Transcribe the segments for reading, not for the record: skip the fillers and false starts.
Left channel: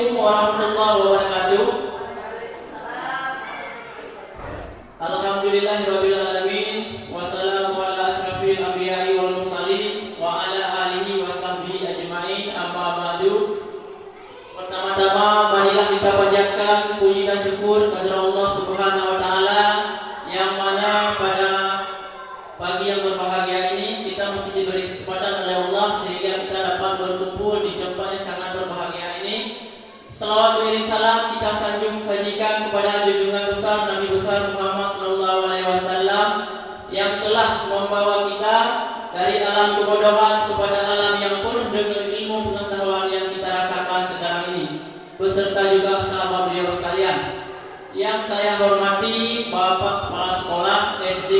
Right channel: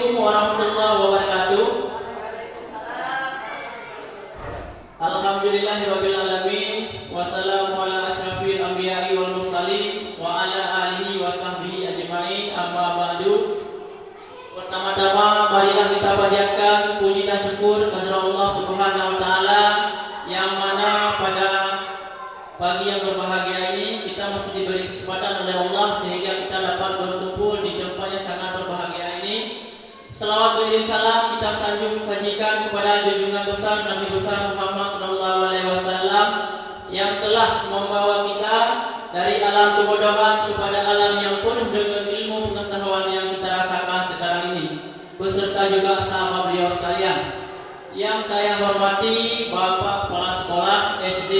Assalamualaikum warahmatullahi wabarakatuh. Alhamdulillahirabbil alamin wassalamu ala asyrafil anbiya'i wal mursalin wa ala alihi wa sahbihi ajmain, amma ba'du. Pertama-tama marilah kita panjatkan puji dan syukur kepada Allah Subhanahu wa taala yang mana pada pagi yang berbahagia ini kita masih diberi kesempatan oleh Allah sehingga kita dapat berkumpul di tempat yang sangat berbahagia ini. Salawat beriring salam kita sajikan kepada junjungan besar Nabi besar Muhammad sallallahu alaihi wasallam yang telah membawa kita dari alam kebodohan kepada alam yang penuh dengan ilmu pengetahuan yang kita rasakan sekarang ini, beserta juga sahabat beliau sekalian. Yang saya hormati Bapak Kepala Sekolah SD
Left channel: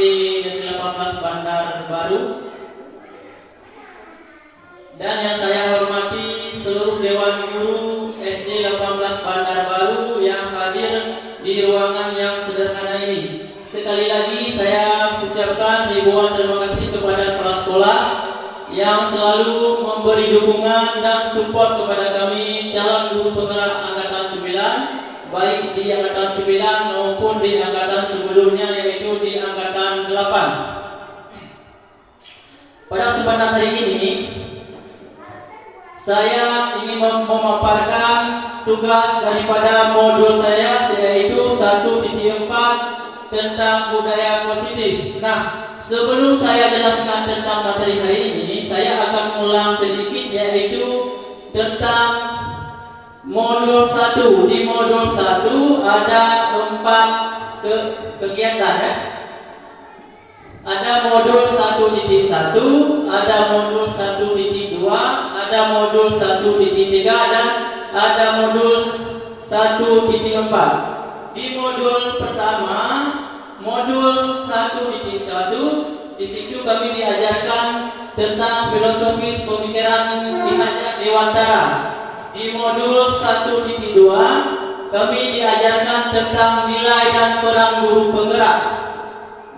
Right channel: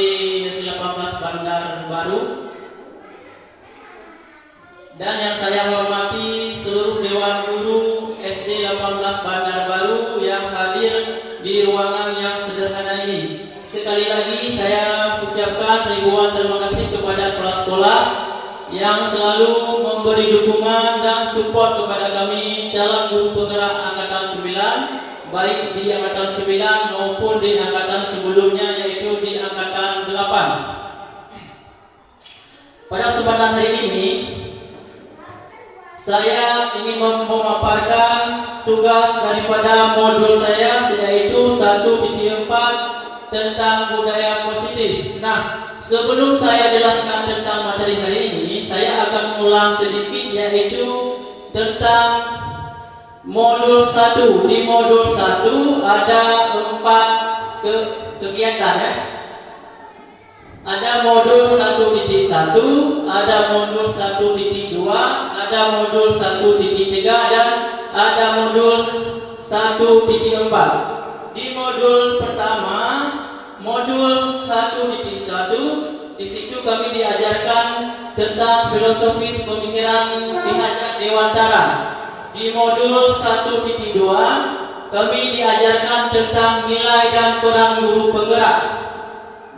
Negeri 18 Bandar Baru, dan yang saya hormati seluruh Dewan Guru SD 18 Bandar Baru yang hadir di ruangan yang sederhana ini. Sekali lagi saya ucapkan ribuan terima kasih kepada kepala sekolah yang selalu memberi dukungan dan support kepada kami calon guru penggerak angkatan 9, baik di angkatan 9 maupun di angkatan sebelumnya, yaitu di angkatan 8. Pada kesempatan hari ini saya ingin memaparkan tugas daripada modul saya, yaitu 1.4 tentang budaya positif. Nah, sebelum saya jelaskan tentang materi hari ini, saya akan mengulang sedikit, yaitu tentang modul 1. Di modul 1 ada 4 kegiatan ya. Ada modul 1.1, ada modul 1.2, ada modul 1.3 dan ada modul 1.4. Di modul pertama, modul 1.1, di situ kami diajarkan tentang filosofis pemikiran Ki Hajar Dewantara. Di modul 1.2 kami diajarkan tentang nilai dan peran guru penggerak.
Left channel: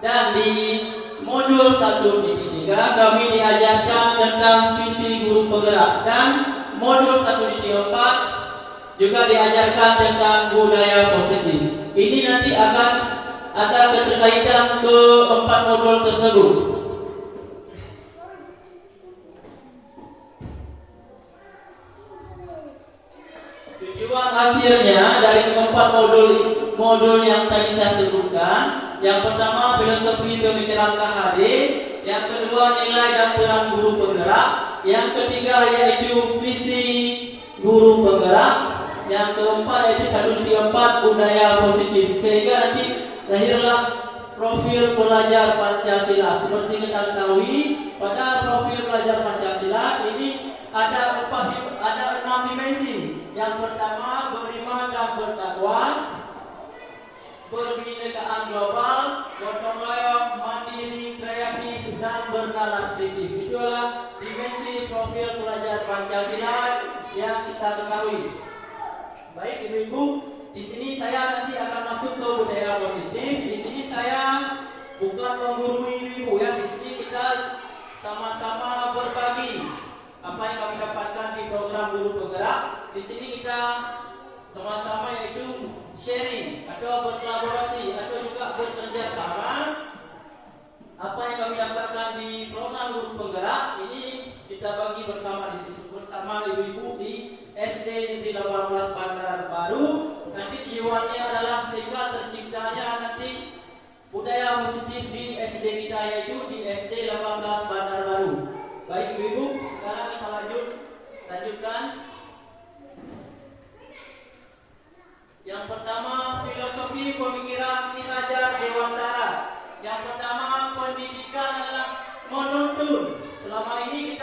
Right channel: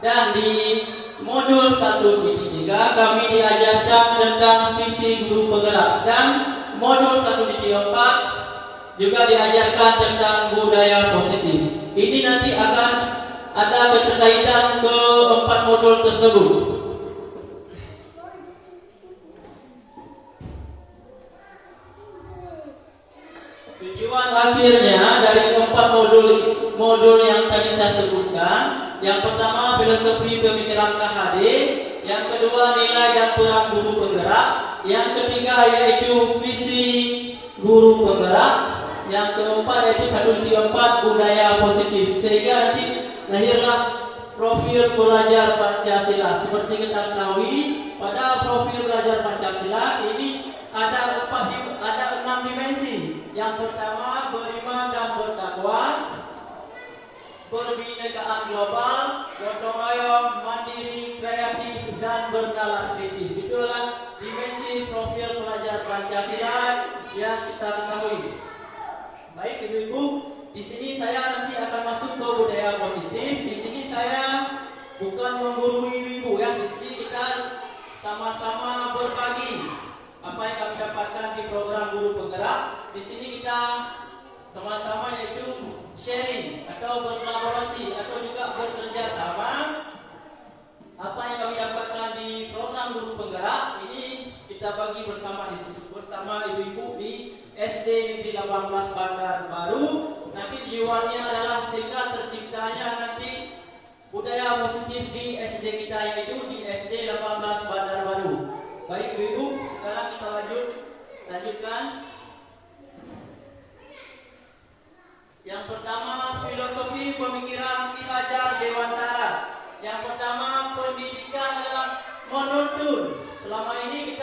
Dan di modul 1.3 kami diajarkan tentang visi guru penggerak. Dan modul 1.4 juga diajarkan tentang budaya positif. Ini nanti akan ada keterkaitan ke 4 modul tersebut. Tujuan akhirnya dari 4 modul yang tadi saya sebutkan, yang pertama filosofi pemikiran KHD, yang kedua nilai dan peran guru penggerak, yang ketiga yaitu visi guru penggerak, yang keempat yaitu 1.4 budaya positif. Sehingga nanti lahirlah profil pelajar Pancasila. Seperti kita ketahui, pada profil pelajar Pancasila ini ada 6 dimensi. Yang pertama beriman dan bertakwa, perbinekaan global, gotong royong, mandiri, kreatif, dan bernalar kritis. Itulah dimensi profil pelajar Pancasila yang kita ketahui. Baik ibu-ibu, di sini saya nanti akan masuk ke budaya positif. Di sini saya bukan menggurui ibu-ibu ya. Di sini kita sama-sama berbagi apa yang kami dapatkan di program guru penggerak. Di sini kita sama-sama yaitu sharing atau berkolaborasi atau juga bekerja sama. Apa yang kami dapatkan di program guru penggerak ini kita bagi bersama ibu-ibu di SD Negeri 18 Bandar Baru. Nanti tujuannya adalah sehingga terciptanya nanti budaya positif di SD kita, yaitu di SD 18 Bandar Baru. Baik ibu-ibu, sekarang kita lanjutkan. Yang pertama filosofi pemikiran Ki Hajar Dewantara. Yang pertama, pendidikan adalah menuntun. Selama ini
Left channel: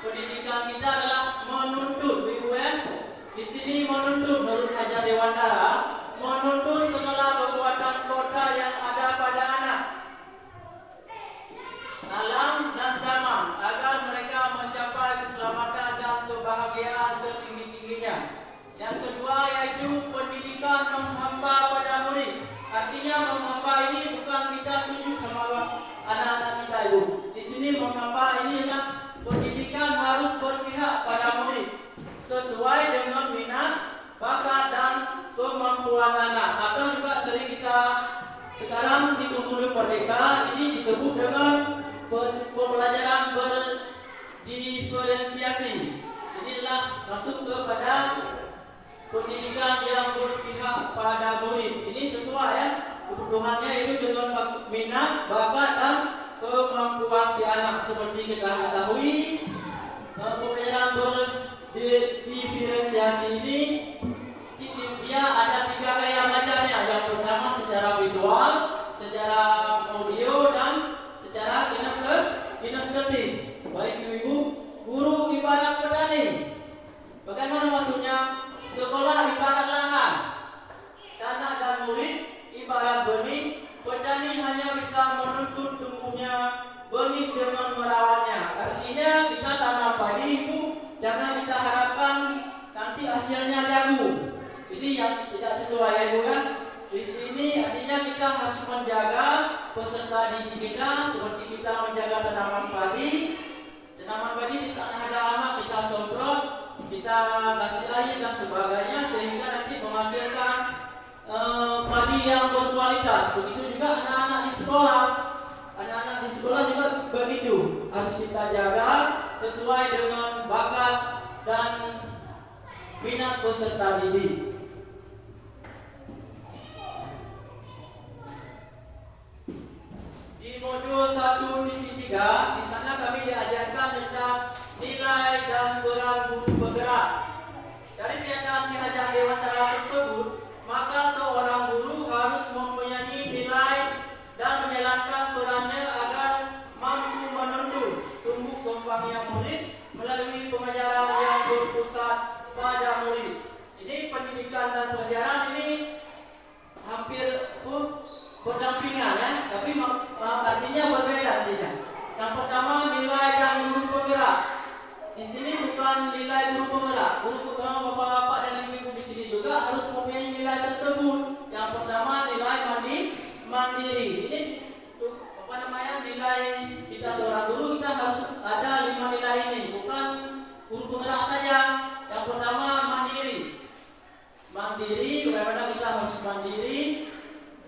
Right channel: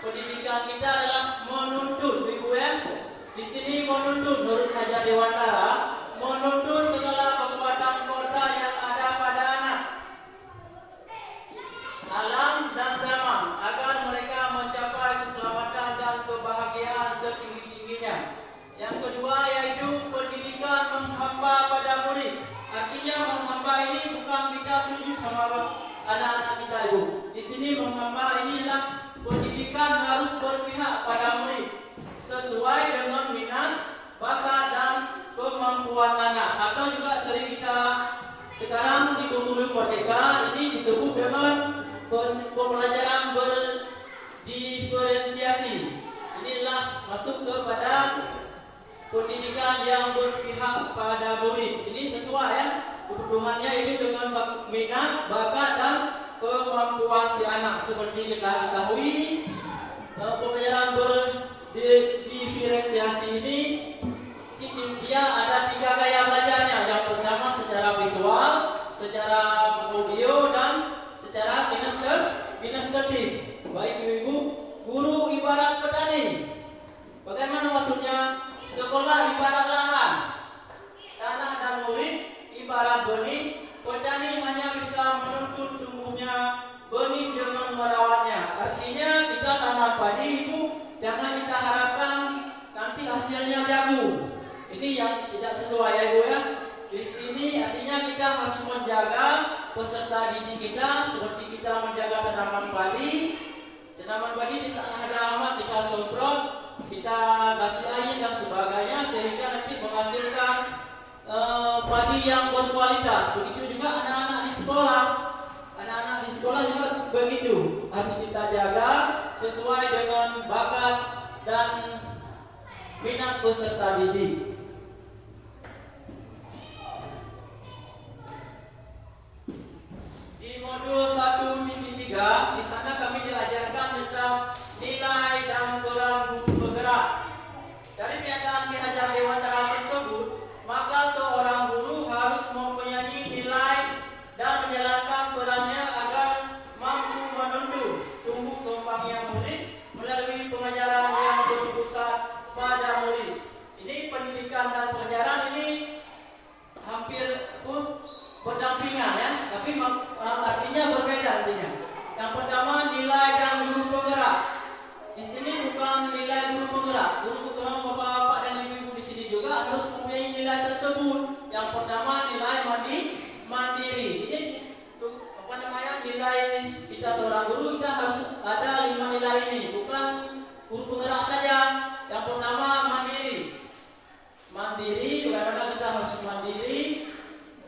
pendidikan kita adalah menuntun, ibu ya. Di sini menuntun menurut Hajar Dewantara, menuntun segala kekuatan kodra yang ada pada anak, alam dan zaman agar mereka mencapai keselamatan dan kebahagiaan setinggi-tingginya. Yang kedua yaitu pendidikan menghamba pada murid. Artinya menghamba ini bukan kita sujud sama anak-anak kita ibu. Di sini menghamba ini adalah pendidikan harus berpihak pada murid sesuai dengan minat masuk kepada pendidikan yang berpihak pada murid. Ini sesuai ya, kebutuhannya itu dengan minat, bakat dan kemampuan si anak. Seperti kita ketahui, pembelajaran berdiferensiasi ini dia ada 3 gaya belajarnya. Yang pertama secara visual, secara audio dan secara kinestetik. Baik ibu, guru ibarat petani. Bagaimana maksudnya? Sekolah ibarat lahan, tanah dan murid ibarat benih. Petani hanya bisa menuntun tumbuhnya benih dengan merawatnya. Artinya kita tanam padi itu jangan kita harapkan nanti hasilnya jagung. Ini yang tidak sesuai ya ibu ya. Di sini artinya kita harus menjaga peserta didik kita seperti kita menjaga tanaman padi. Tanaman padi di saat ada hama kita semprot, kita kasih air dan sebagainya sehingga nanti menghasilkan padi yang berkualitas. Begitu juga anak-anak di sekolah. Anak-anak di sekolah juga begitu. Harus kita jaga sesuai dengan bakat dan minat peserta didik. Di modul 1.3 di sana kami diajarkan tentang nilai dan peran guru bergerak. Dari pernyataan Ki Hajar Dewantara tersebut, maka seorang guru harus mempunyai nilai dan menjalankan perannya agar mampu menuntun tumbuh kembangnya murid melalui pengajaran yang berpusat pada murid. Ini pendidikan dan pengajaran ini hampir berdampingan ya, tapi artinya berbeda artinya. Yang pertama nilai dan guru penggerak. Di sini bukan nilai guru penggerak. Guru bapak-bapak dan ibu-ibu di sini juga harus mempunyai nilai tersebut. Yang pertama nilai mandiri. Ini nilai kita seorang guru kita harus ada 5 nilai ini. Bukan guru penggerak saja. Yang pertama mandiri. Mandiri, bagaimana kita harus mandiri.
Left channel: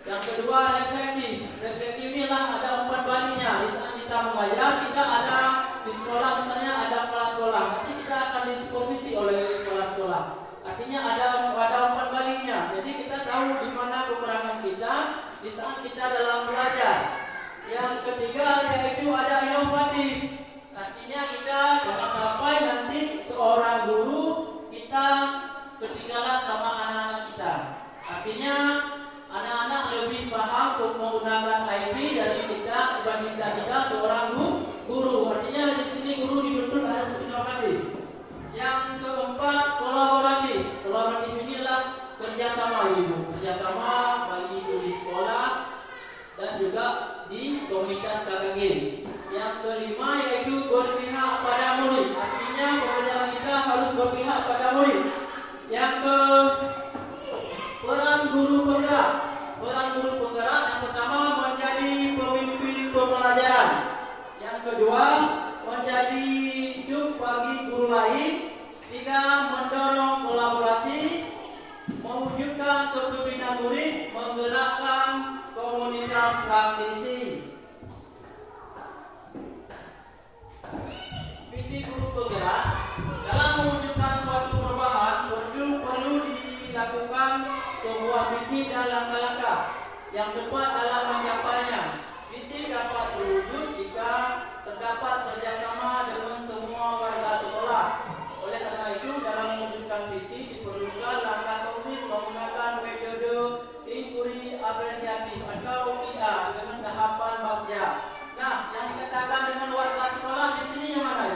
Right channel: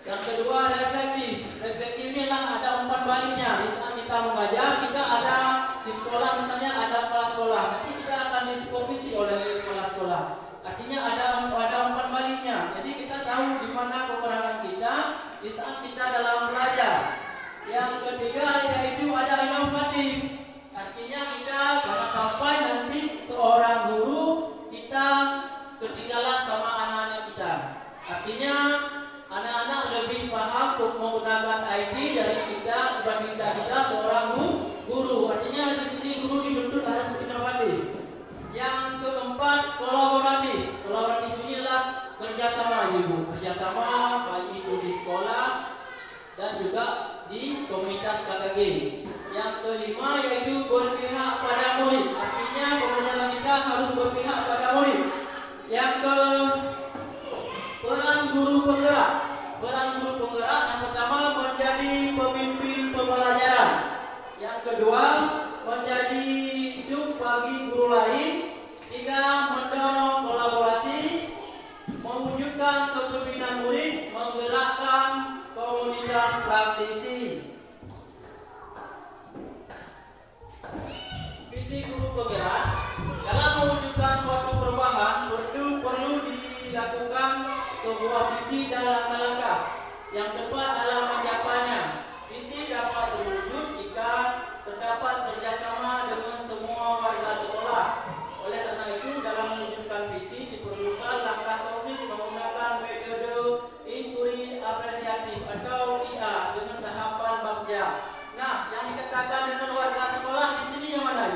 Yang kedua reflektif. Reflektif inilah ada 4 balinya. Di saat kita mengajar, kita ada di sekolah misalnya ada kepala sekolah. Nanti kita akan disupervisi oleh kepala sekolah. Artinya ada 4 balinya. Jadi kita tahu di mana kekurangan kita di saat kita dalam belajar. Yang ketiga yaitu ada inovatif. Artinya kita jangan sampai nanti seorang guru kita ketinggalan sama anak-anak kita. Artinya anak-anak lebih paham menggunakan IT dari kita dibandingkan kita seorang guru. Artinya di sini guru dituntut harus inovatif. Yang keempat kolaboratif. Kolaboratif inilah kerjasama ibu, kerjasama baik itu di sekolah dan juga di komunitas KKG. Yang kelima yaitu berpihak pada murid. Artinya pembelajaran kita harus berpihak pada murid. Yang peran guru penggerak. Peran guru penggerak yang pertama menjadi pemimpin pembelajaran. Yang kedua menjadi juk bagi guru lain. 3 mendorong kolaborasi, mewujudkan kepemimpinan murid, menggerakkan komunitas praktisi. Visi guru penggerak dalam mewujudkan suatu perubahan perlu dilakukan sebuah visi dan langkah-langkah yang tepat dalam mencapainya. Visi dapat terwujud jika terdapat kerjasama dengan semua warga sekolah. Oleh karena itu, dalam mewujudkan visi diperlukan langkah konkret menggunakan metode inquiry apresiatif atau IA dengan tahapan bagja. Nah, yang dikatakan dengan warga sekolah di sini yang mana?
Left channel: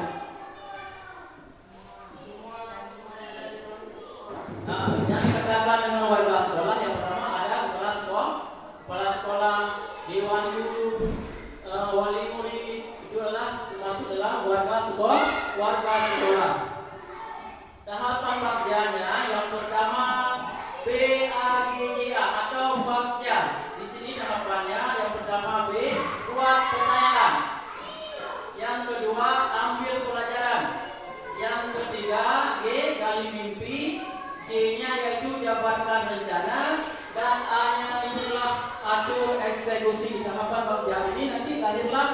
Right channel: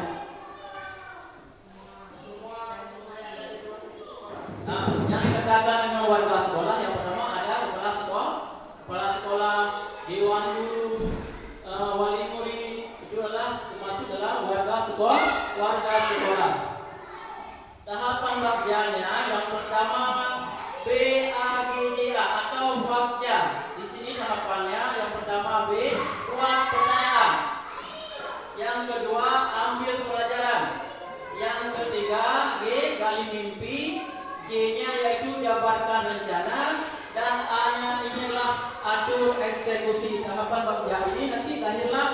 Nah, yang dikatakan dengan warga sekolah yang pertama ada kepala sekolah, dewan guru, wali murid, itu adalah termasuk dalam warga sekolah. Tahapan bagjanya yang pertama BAGJA atau bagja. Di sini tahapannya yang pertama B, buat pertanyaan. Yang kedua ambil pelajaran. Yang ketiga G, gali mimpi. J-nya yaitu jabarkan rencana, dan A-nya inilah atur eksekusi. Tahapan bagja ini nanti lahirlah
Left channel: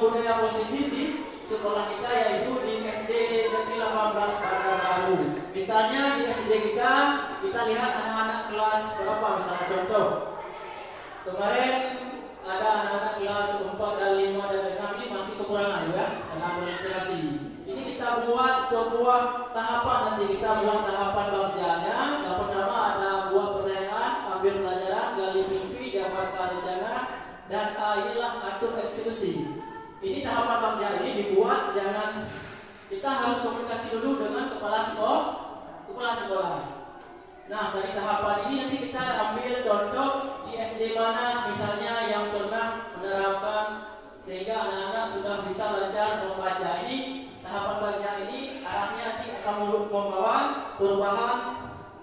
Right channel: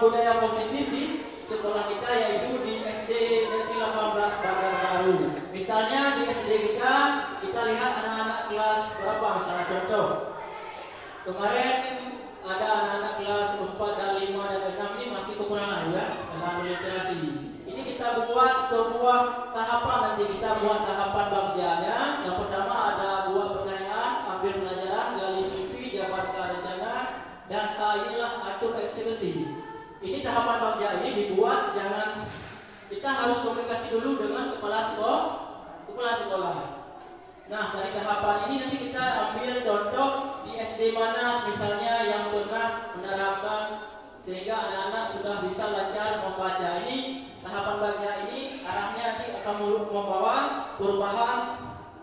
budaya positif di sekolah kita, yaitu di SD Negeri 18 Bandar Baru. Misalnya di SD kita lihat anak-anak kelas berapa, misalnya contoh. Kemarin ada anak-anak kelas 4 dan 5 dan 6 ini masih kekurangan ya dalam literasi. Ini kita buat sebuah tahapan, nanti kita buat tahapan bagiannya. Yang pertama ada buat pertanyaan, ambil pelajaran, gali mimpi, jabarkan rencana, dan inilah atur eksekusi. Ini tahapan bagian ini dibuat, jangan kita harus komunikasi dulu dengan kepala sekolah. Nah, dari tahapan ini nanti kita ambil contoh di SD mana misalnya yang pernah menerapkan sehingga anak-anak sudah bisa belajar membaca. Ini tahapan bagian ini arahnya nanti akan membawa perubahan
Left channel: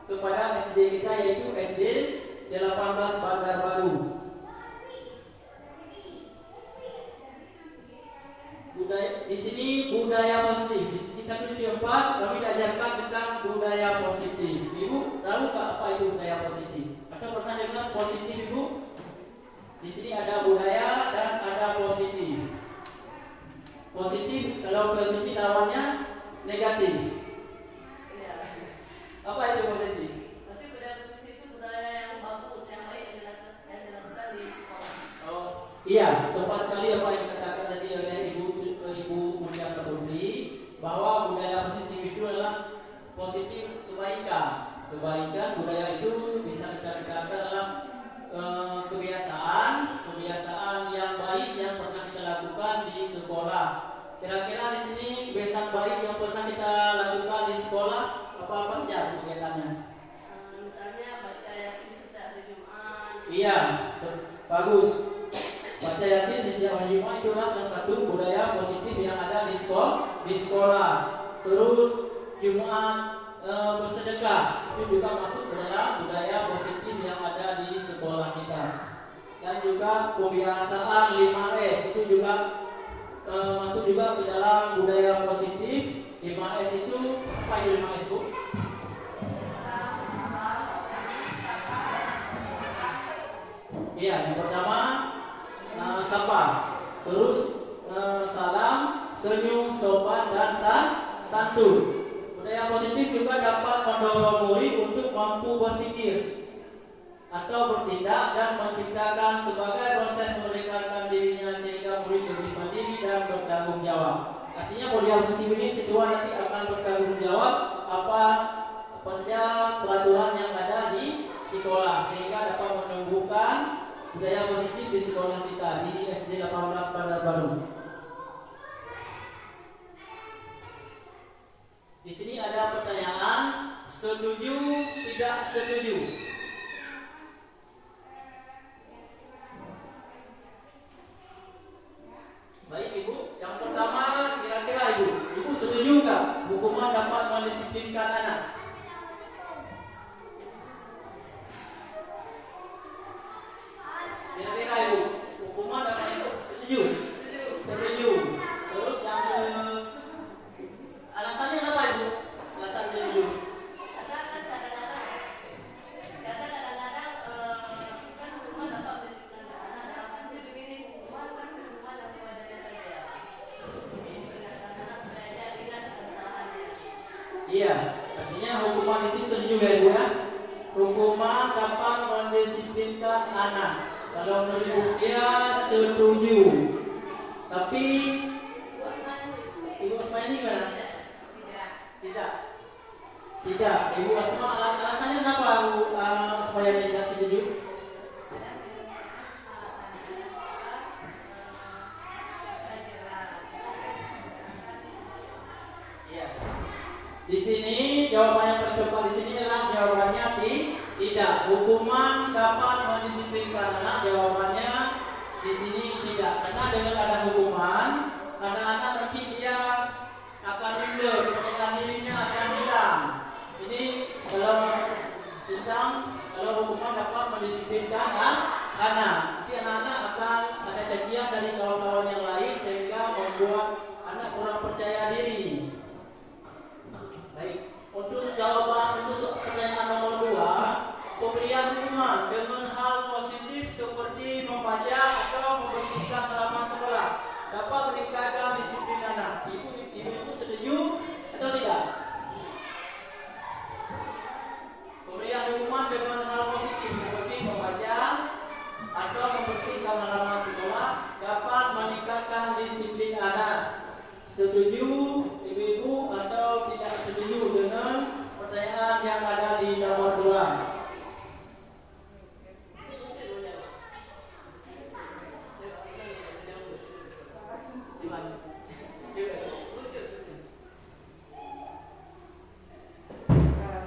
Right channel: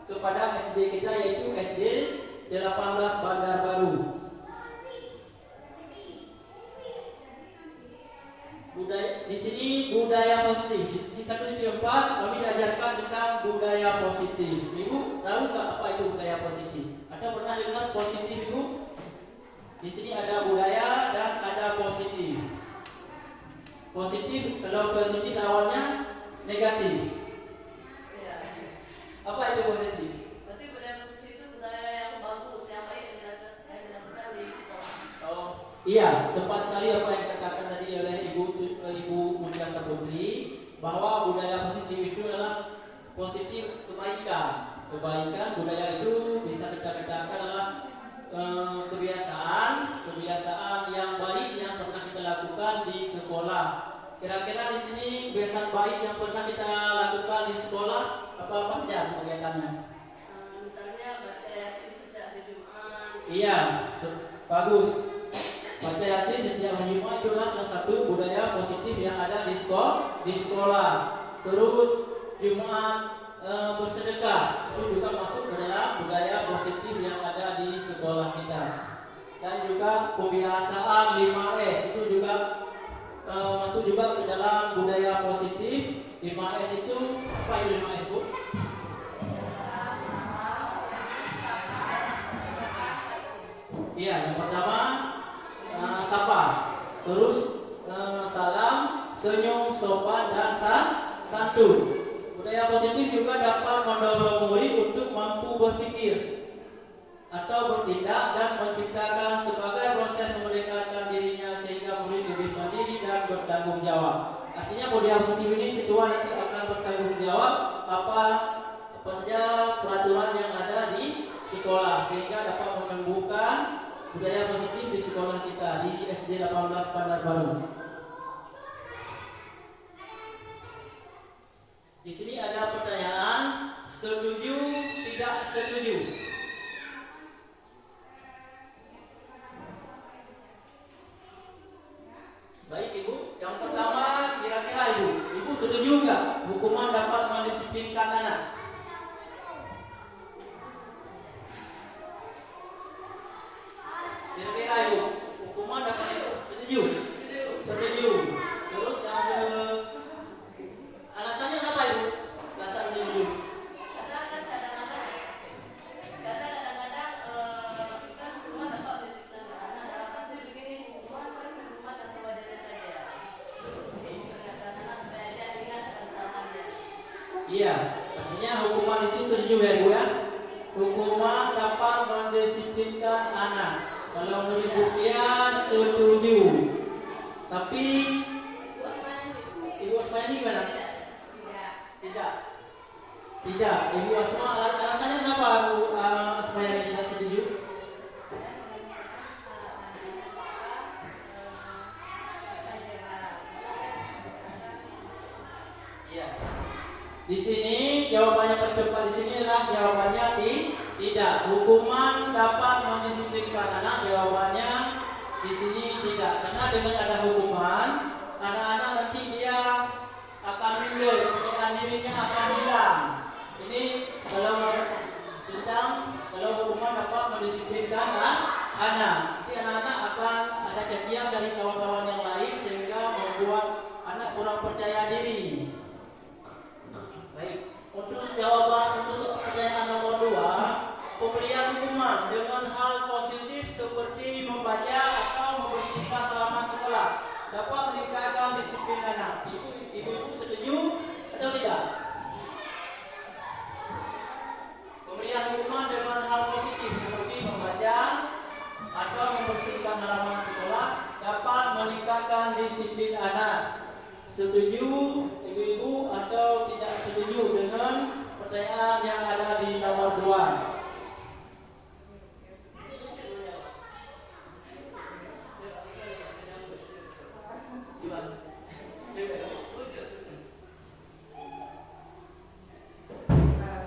kepada SD kita, yaitu SD 18 Bandar Baru. Di sini budaya positif. Di satu tempat kami diajarkan tentang budaya positif. Ibu tahu tak apa itu budaya positif? Atau pernah dengar positif, Ibu? Di sini ada budaya dan ada positif. Positif, kalau positif lawannya negatif. Apa itu positif? Berarti budaya positif itu budaya yang bagus, yang baik yang dilakukan di sekolah. Oh, iya, tepat sekali apa yang dikatakan tadi oleh Ibu Mulia Saputri, bahwa budaya positif itu adalah positif kebaikan. Budaya itu bisa kita katakan adalah kebiasaan yang baik yang pernah kita lakukan di sekolah. Kira-kira di sini kebiasaan baik yang pernah kita lakukan di sekolah apa saja kegiatannya? Misalnya baca Yasin setiap hari Jumat. Iya, bagus. Baca Yasin setiap hari Jumat itulah salah satu budaya positif yang ada di sekolah. Terus Jumat bersedekah itu juga masuk ke dalam budaya positif yang ada di sekolah kita. Dan juga kebiasaan 5S itu juga masuk juga ke dalam budaya positif. 5S itu apa itu 5S, Bu? Iya, yang pertama sapa, terus salam, senyum, sopan, dan santun. Budaya positif juga dapat mendorong murid untuk mampu berpikir atau bertindak dan menciptakan sebagai proses memerdekakan dirinya sehingga murid lebih mandiri dan bertanggung jawab. Artinya budaya positif ini siswa nanti akan bertanggung jawab apa saja peraturan yang ada di sekolah sehingga dapat menumbuhkan budaya positif di sekolah kita di SD 18 Bandar Baru. Di sini ada pertanyaan, setuju tidak setuju? Baik Ibu, yang pertama kira-kira Ibu setuju nggak hukuman dapat mendisiplinkan anak? Kira-kira Ibu, hukuman dapat setuju? Setuju. Terus yang alasannya apa Ibu? Alasan setuju? Kadang-kadang kan hukuman dapat mendisiplinkan anak dalam arti begini, hukuman kan hukuman yang sewajarnya saja. Memperingatkan anak supaya dia ingat akan kesalahannya. Iya, artinya hukuman di sini setuju ya Bu ya? Hukuman dapat mendisiplinkan anak. Kalau menurut dia setuju. Tapi Ibu Asma ini kan? Tidak. Ibu Asma alasannya kenapa supaya tidak setuju? Iya. Di sini jawabannya tercepat di sini adalah jawabannya tidak. Hukuman dapat mendisiplinkan anak, jawabannya di sini tidak. Karena dengan ada hukuman, anak-anak nanti dia akan minder, kepercayaan dirinya akan hilang. Ini kalau hukuman dapat mendisiplinkan anak, nanti anak-anak akan ada cacian dari kawan-kawan yang lain sehingga membuat anak kurang percaya diri. Baik, untuk jawaban untuk pertanyaan nomor 2, pemberian hukuman dengan hal positif seperti membaca atau membersihkan halaman sekolah. dapat meningkatkan disiplin anak. Ibu-ibu setuju atau tidak? Pemberian hukuman dengan hal positif seperti membaca atau membersihkan halaman sekolah dapat meningkatkan disiplin anak. Setuju ibu-ibu atau tidak setuju dengan pertanyaan yang ada di dalam ruang?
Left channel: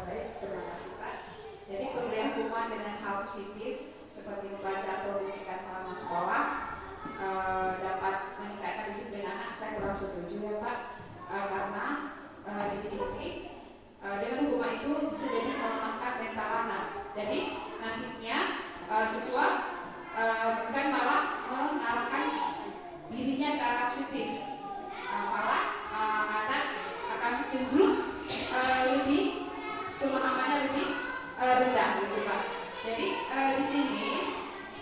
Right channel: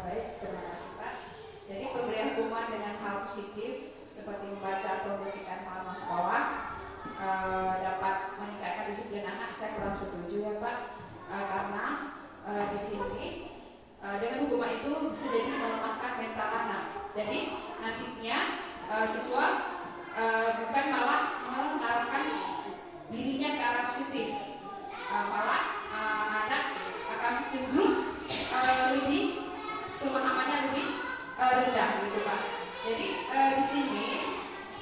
Baik, terima kasih Pak. Jadi pemberian hukuman dengan hal positif seperti membaca atau membersihkan halaman sekolah dapat meningkatkan disiplin anak. Saya kurang setuju ya Pak, karena di sini dengan hukuman itu bisa jadi melemahkan mental anak. Jadi nantinya siswa bukan malah mengarahkan dirinya ke arah positif, malah anak akan cenderung lebih pemahamannya lebih rendah gitu Pak. Jadi di sini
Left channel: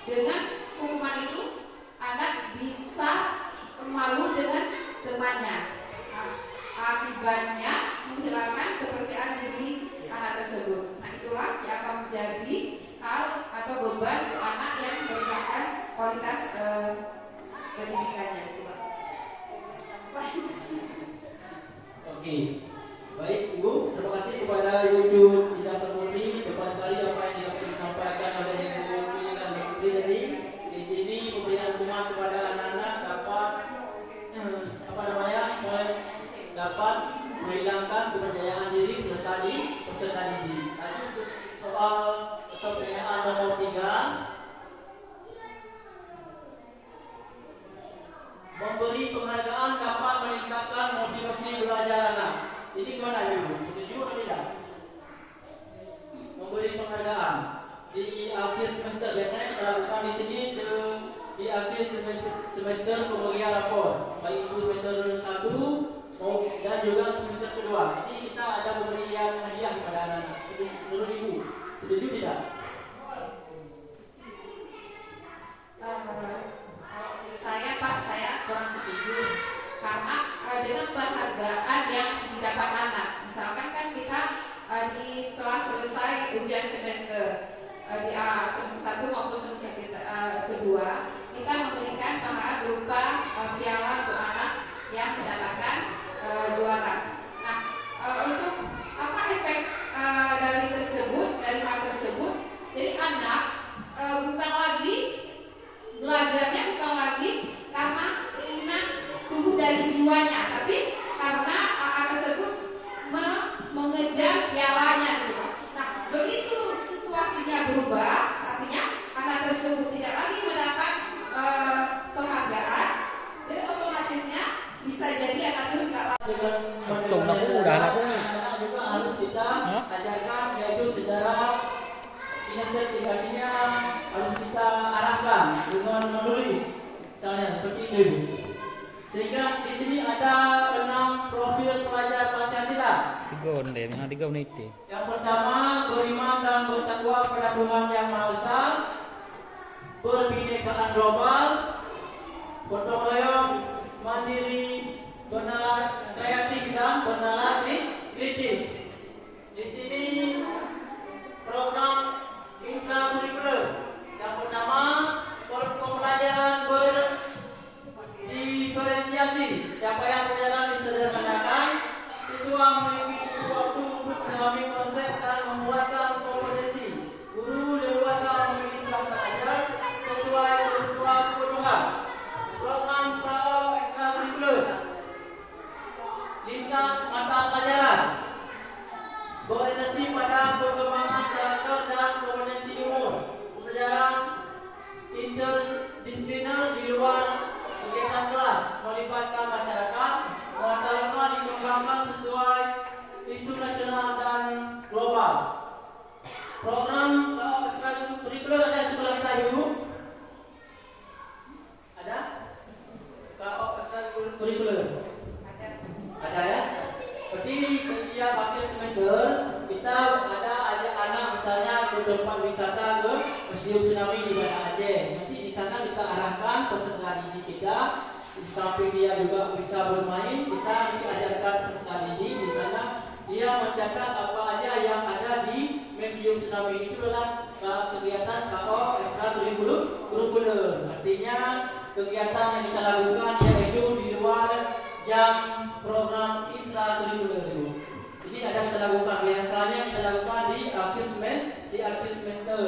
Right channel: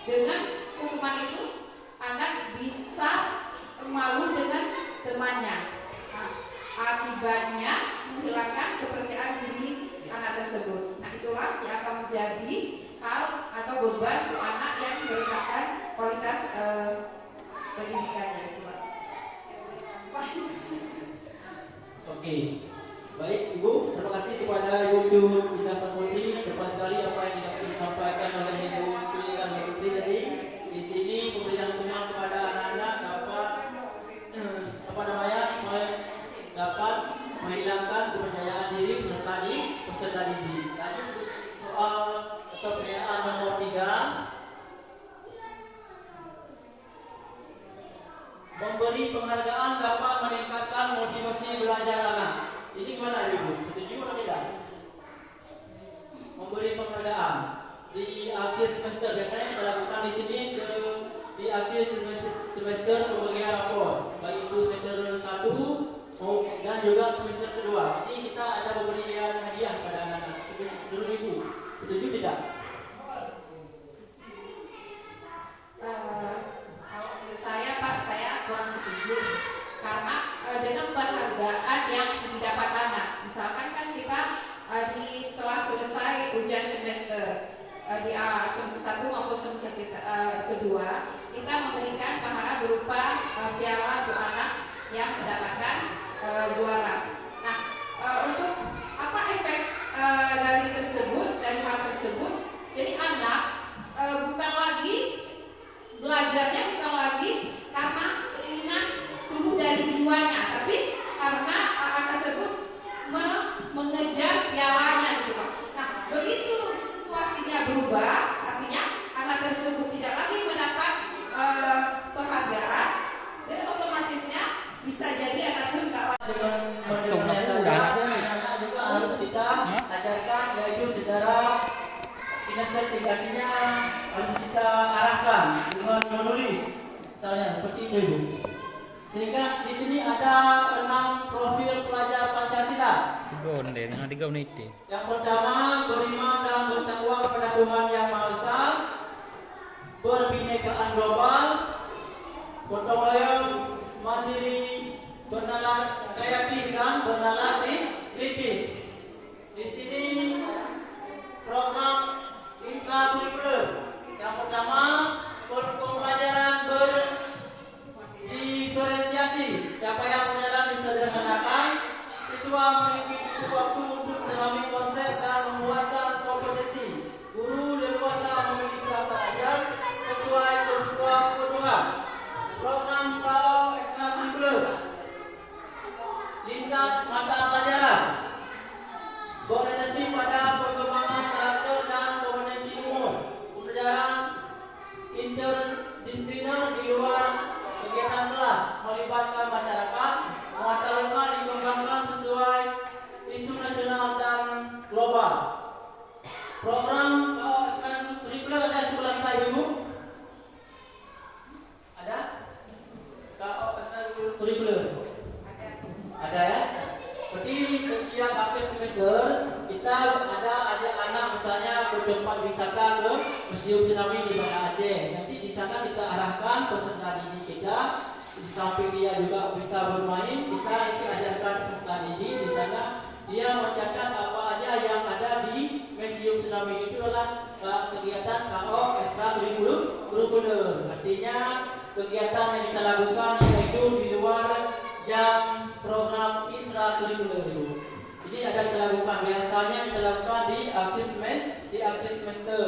dengan hukuman itu anak bisa malu dengan temannya. Nah, akibatnya menghilangkan kepercayaan diri anak tersebut. Nah, itulah yang akan menjadi hal atau beban untuk anak yang merendahkan kualitas pendidikannya gitu Pak. Oke. Baik Ibu, terima kasih kepada Ibu Ida Samuri. Tepat sekali apa yang disampaikan oleh Ibu Ida Samuri tadi. Di sini pemberian hukuman kepada anak-anak dapat menghilangkan kepercayaan diri peserta didik. Lanjut soal atau pertanyaan nomor 3. Memberi penghargaan dapat meningkatkan motivasi belajar anak. Jadi gimana Ibu? Setuju atau tidak? Memberi penghargaan di akhir semester, biasanya kita lakukan di sini di akhir semester pemberian rapor, baik itu semester 1 dan juga semester kedua. Ini kita ada pemberian hadiah kepada anak-anak. Menurut Ibu, setuju tidak? Menurut saya Pak, saya kurang setuju karena dengan penghargaan yang didapat anak, misalkan kan kita setelah selesai ujian semester di semester 1 maupun semester kedua, kita memberikan penghargaan berupa piala untuk anak yang mendapatkan juara. Nah, untuk apa efek dari hal tersebut? Jadi anak bukan lagi belajarnya bukan lagi karena keinginan tumbuh dari jiwanya, tapi karena anak tersebut mengejar pialanya gitu Pak. Nah, begitu situasinya berubah, artinya anak tersebut tidak lagi mendapat penghargaan, jadi otomatisnya bisa jadi anak tersebut dengan anak juga harus kita ajarkan, yaitu secara kinestetik, artinya harus kita arahkan dengan menulis, misalnya seperti itu. Sehingga di sini ada 6 profil pelajar Pancasila. Yang pertama, beriman dan bertakwa kepada Tuhan Yang Maha Esa, berbinekaan global, gotong royong, mandiri, bernalar kreatif dan bernalar kritis. Di sini program intrakurikuler. Yang pertama, pembelajaran berdiferensiasi. Capaian pelajaran disederhanakan, siswa memiliki cukup waktu untuk memahami konsep dan membuatkan kompetensi. Guru leluasa memiliki peralatan ajar sesuai kebutuhan. Program PAO ekstrakurikuler. Lintas mata pelajaran. Berorientasi pada perkembangan karakter dan kompetensi umur. Pembelajaran interdisipliner di luar kegiatan kelas, melibatkan masyarakat, muatan lokal dikembangkan sesuai isu nasional dan global. Program ekstrakurikuler ada sekolah kita dulu. Ada? KO ekstrakurikuler. Ada ya? Berarti setiap akhir semester kita ada anak misalnya ke tempat wisata ke Museum Tsunami di Banda Aceh. Nanti di sana kita arahkan peserta didik kita Di samping dia juga bisa bermain, kita diajarkan peserta ini. Di sana dia mencatat apa aja yang ada di Museum Tsunami. Itu adalah kegiatan KO ekstrakurikuler. Artinya kegiatan yang kita lakukan yaitu di luar jam program ekstrakurikuler itu. Jadi ada kita lakukan, biasanya kita lakukan di akhir semester.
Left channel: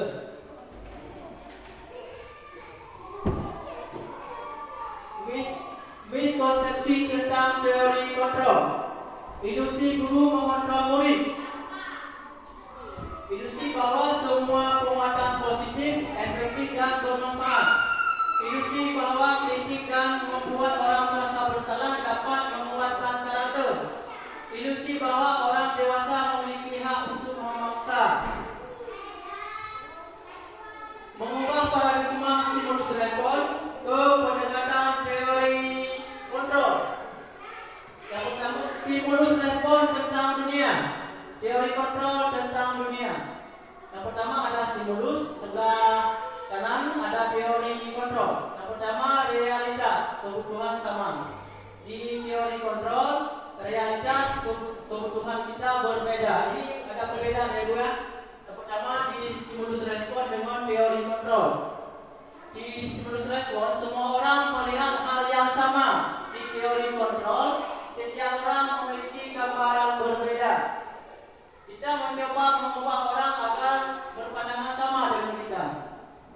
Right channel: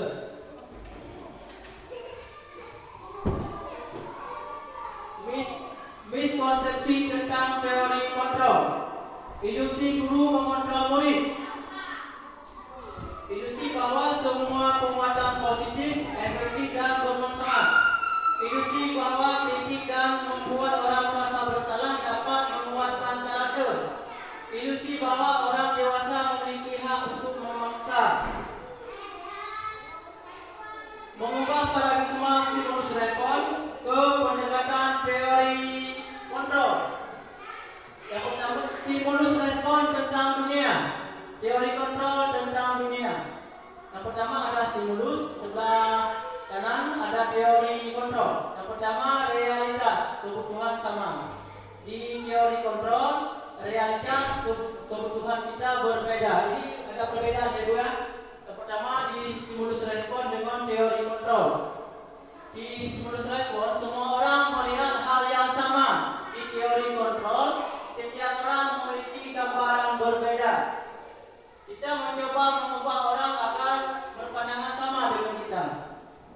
Miskonsepsi tentang teori kontrol. Ilusi guru mengontrol murid. Ilusi bahwa semua penguatan positif, efektif dan bermanfaat. Ilusi bahwa kritik dan membuat orang merasa bersalah dapat menguatkan karakter. Ilusi bahwa orang dewasa memiliki hak untuk memaksa. Mengubah paradigma stimulus respons ke pendekatan teori kontrol. Yang pertama, stimulus respon tentang dunia. Teori kontrol tentang dunia. Yang pertama ada stimulus, sebelah kanan ada teori kontrol. Yang pertama realitas, kebutuhan sama. Di teori kontrol, realitas kebutuhan kita berbeda. Ini ada perbedaan ya dua. Yang pertama di stimulus respon dengan teori kontrol. Di stimulus respon semua orang melihat hal yang sama. Di teori kontrol setiap orang memiliki gambaran berbeda. Kita mencoba mengubah orang agar berpandangan sama dengan kita.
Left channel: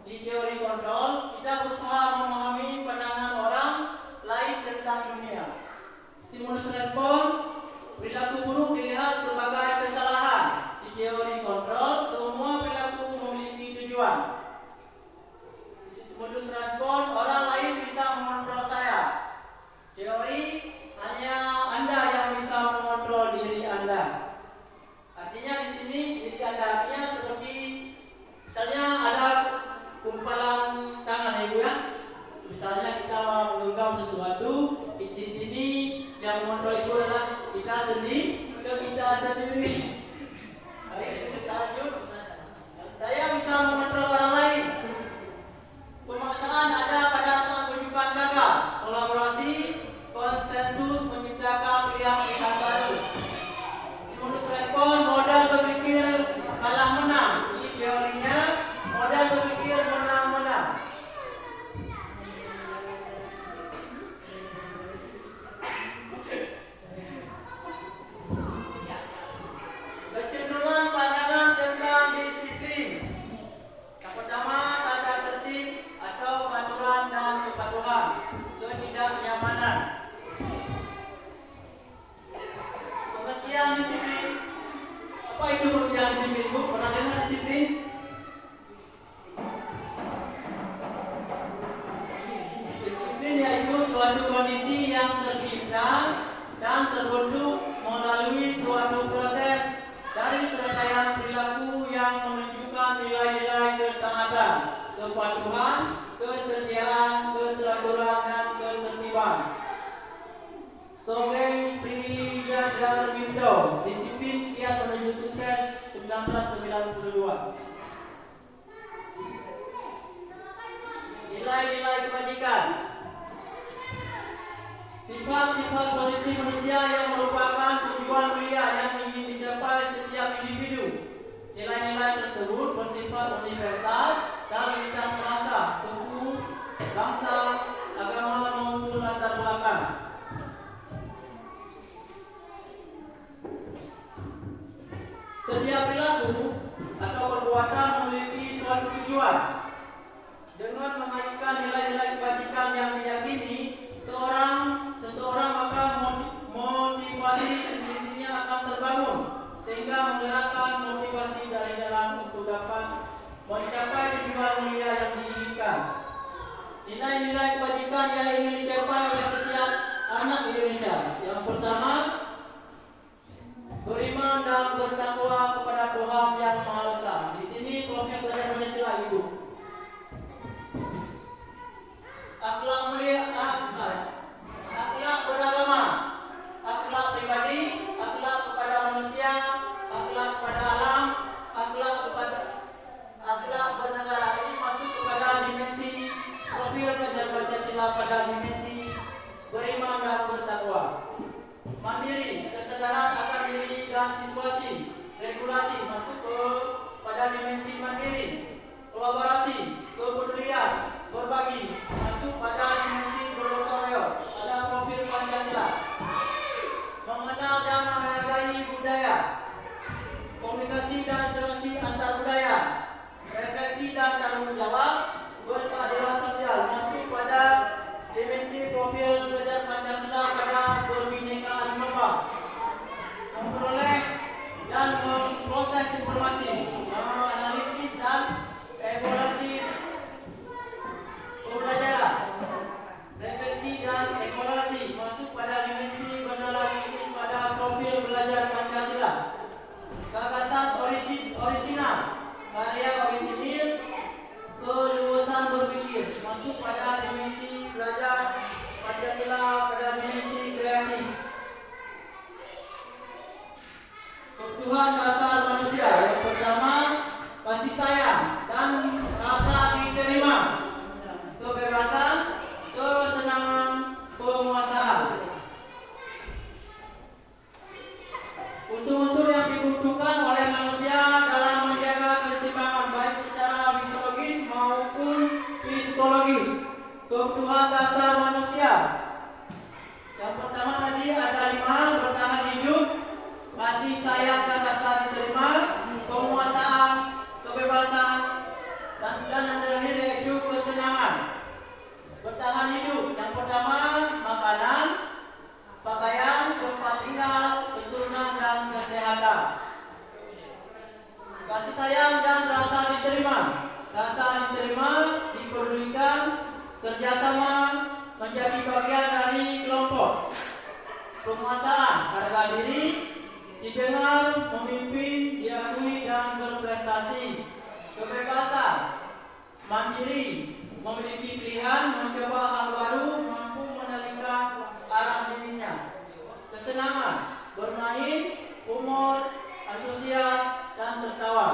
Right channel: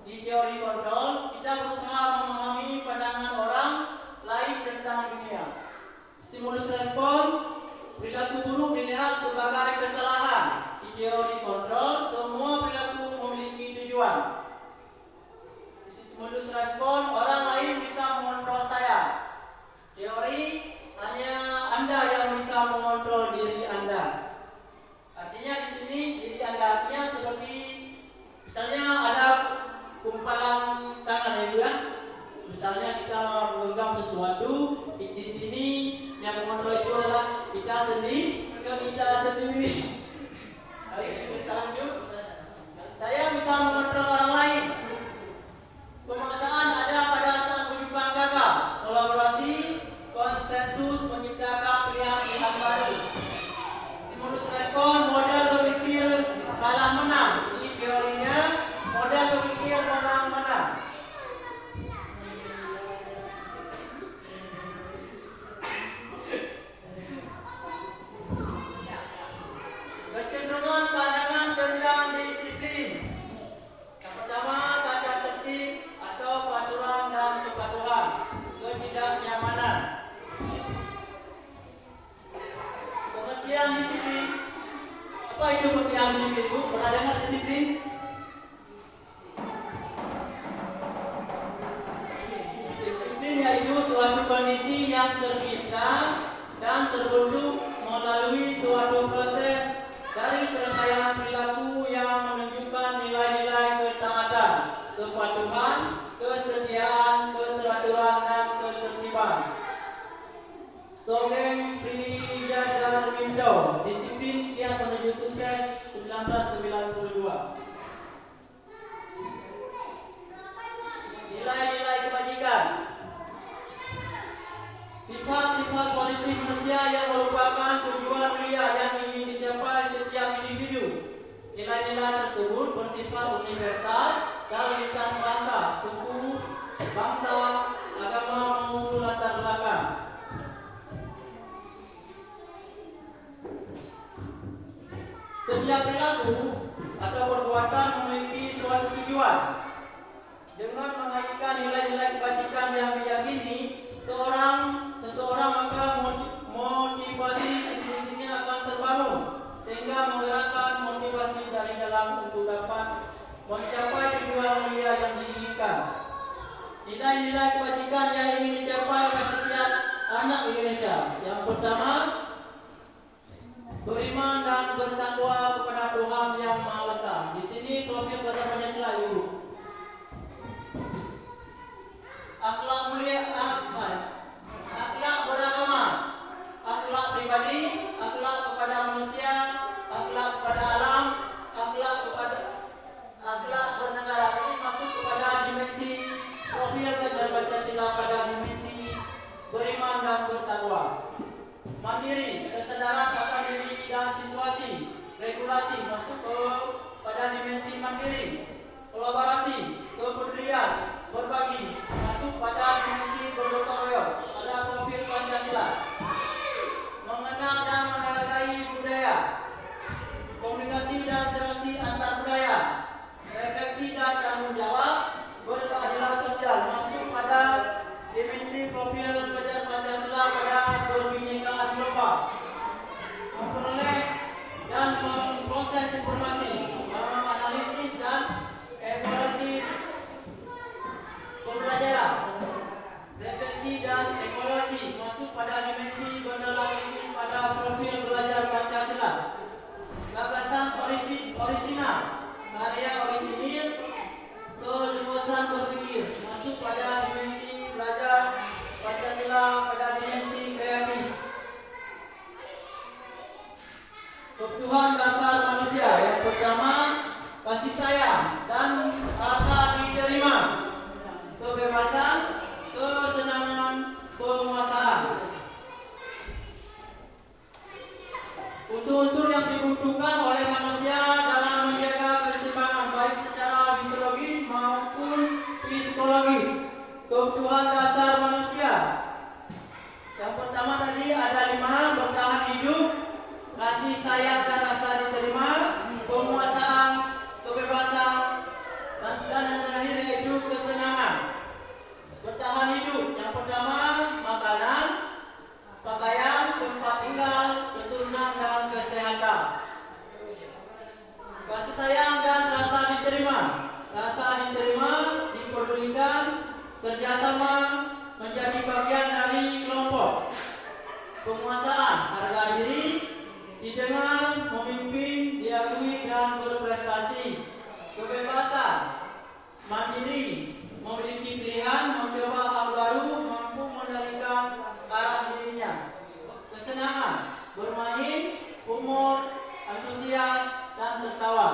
Di teori kontrol kita berusaha memahami pandangan orang lain tentang dunia. Stimulus respon, perilaku buruk dilihat sebagai kesalahan. Di teori kontrol semua perilaku memiliki tujuan. Stimulus respon, orang lain bisa mengontrol saya. Teori, hanya Anda yang bisa mengontrol diri Anda. Artinya di sini diri Anda artinya seperti misalnya ada kumpalan tangan ya Bu ya. Misalnya kita mau menggenggam sesuatu, di sini yang mengontrol itu adalah kita sendiri. Kita lanjut. Saya bisa mengontrol orang lain. Pemaksaan ada pada saat menunjukkan gagal. Kolaborasi, konsensus menciptakan pilihan-pilihan baru. Stimulus respon, modal berpikir kalah menang. Ini teorinya, modal berpikir menang-menang. Kecenderungan pandangan tentang disiplin. Yang pertama, tata tertib atau peraturan dan kepatuhan. Ketidaknyamanan. Pengertian disiplin. Apa itu pengertian disiplin, Bu? Pernah dengar disiplin? Disiplin yaitu suatu kondisi yang tercipta dan terbentuk melalui suatu proses dari serangkaian perilaku yang menunjukkan nilai-nilai ketaatan, kepatuhan, kesetiaan, keteraturan, dan ketertiban. Songeng Priyadarminto, Disiplin Kiat Menuju Sukses 1992. Nilai-nilai kebajikan. Sifat-sifat politik manusia yang merupakan tujuan mulia yang ingin dicapai setiap individu. Nilai-nilai tersebut bersifat universal dan lintas rasa, suku, bangsa, agama maupun latar belakang. Setiap perilaku atau perbuatan memiliki suatu tujuan. Dengan mengaitkan nilai-nilai kebajikan yang diyakini seseorang maka motivasi intinya akan terbangun sehingga menggerakkan motivasi dari dalam untuk dapat mencapai tujuan mulia yang diinginkan. Nilai-nilai kebajikan yang ingin dicapai oleh setiap anak Indonesia. Yang pertama, beriman dan bertakwa kepada Tuhan Yang Maha Esa. Di sini Profesor belajar Pancasila Ibu. Akhlak mulia, akhlak beragama, akhlak pribadi, akhlak kepada manusia, akhlak kepada alam, akhlak bernegara. Ini masuk kepada dimensi profil belajar Pancasila pada dimensi karya orisinil, keluasan berpikir, masuk pada dimensi belajar Pancasila pada dimensi kreatif. Kebutuhan dasar manusia yang pertama, kasih sayang dan rasa diterima, kebebasan, kesenangan, penguasaan. Unsur-unsur yang dibutuhkan oleh manusia dalam menjaga keseimbangan baik secara fisiologis maupun psikologis. Kebutuhan dasar manusia. Yang pertama tadi ada 5, bertahan hidup, kasih sayang dan rasa diterima, penguasaan, kebebasan, dan yang terakhir yaitu kesenangan. Bertahan hidup. Yang pertama makanan, pakaian, tempat tinggal, keturunan dan kesehatan. Kasih sayang dan rasa diterima. Rasa diterima, dipedulikan, kerjasama, menjadi bagian dari kelompok. Penguasaan, harga diri, didengar, memimpin, diakui dan berprestasi. Kebebasan, mandiri, memiliki pilihan, mencoba hal baru, mampu mengendalikan arah dirinya. Kesenangan, bermain, humor, antusias, dan tertawa.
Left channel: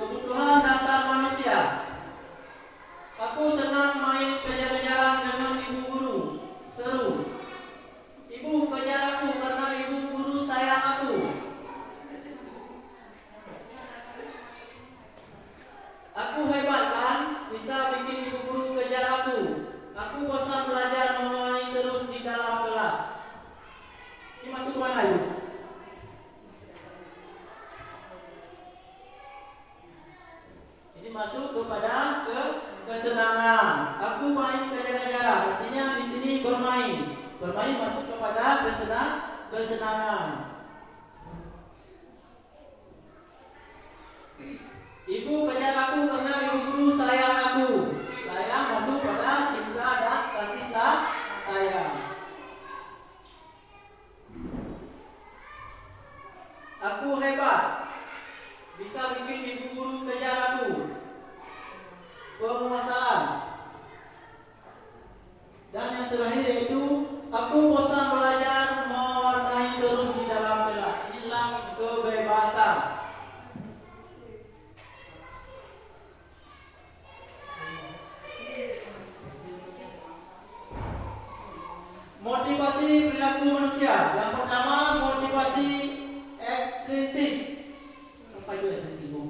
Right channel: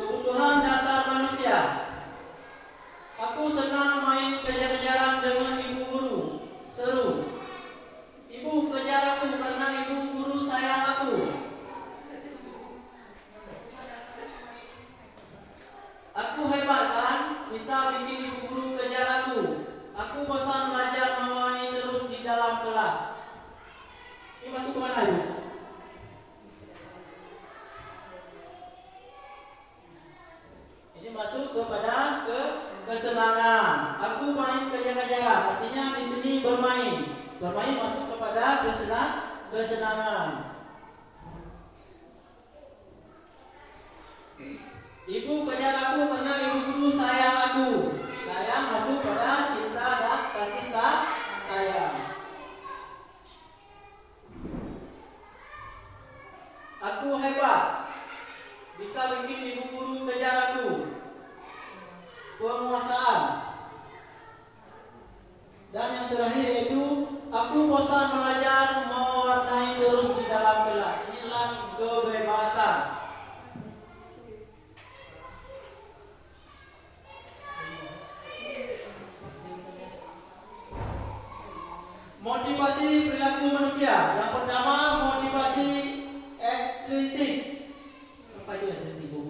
Kebutuhan dasar manusia. Aku senang main kejar-kejaran dengan ibu guru. Seru. Ibu kejar aku karena ibu guru sayang aku. Aku hebat kan? Bisa bikin ibu guru kejar aku. Aku bosan belajar mengulangi terus di dalam kelas. Ini masuk mana lu? Ini masuk kepada kesenangan. Aku main kejar-kejaran. Artinya di sini bermain. Bermain masuk kepada kesenangan. Ibu kejar aku karena ibu guru sayang aku. Sayang masuk pada cinta dan kasih sayang. Aku hebat. Bisa bikin ibu guru kejar aku. Penguasaan. Dan yang terakhir yaitu aku bosan belajar mewarnai terus di dalam kelas. Inilah kebebasan. Motivasi perilaku manusia. Yang pertama motivasi ekstrinsik. Apa itu ekstrinsik, Bu?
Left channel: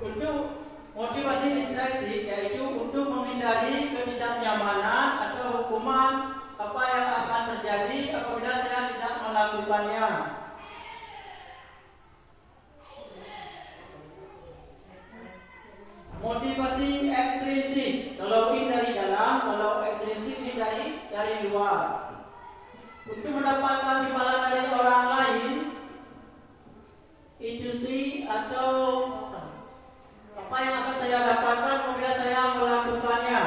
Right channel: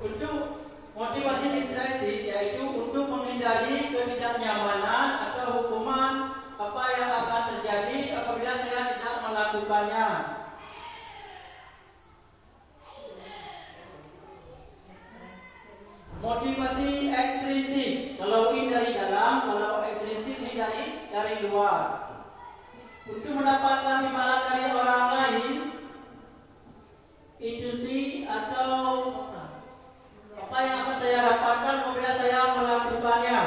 Untuk motivasi ekstrinsik yaitu untuk menghindari ketidaknyamanan atau hukuman apa yang akan terjadi apabila saya tidak melakukannya. Motivasi ekstrinsik, kalau ini dari dalam, kalau ekstrinsik ini dari luar. Untuk mendapatkan imbalan dari orang lain, industri atau apa yang akan saya dapatkan apabila saya melakukannya.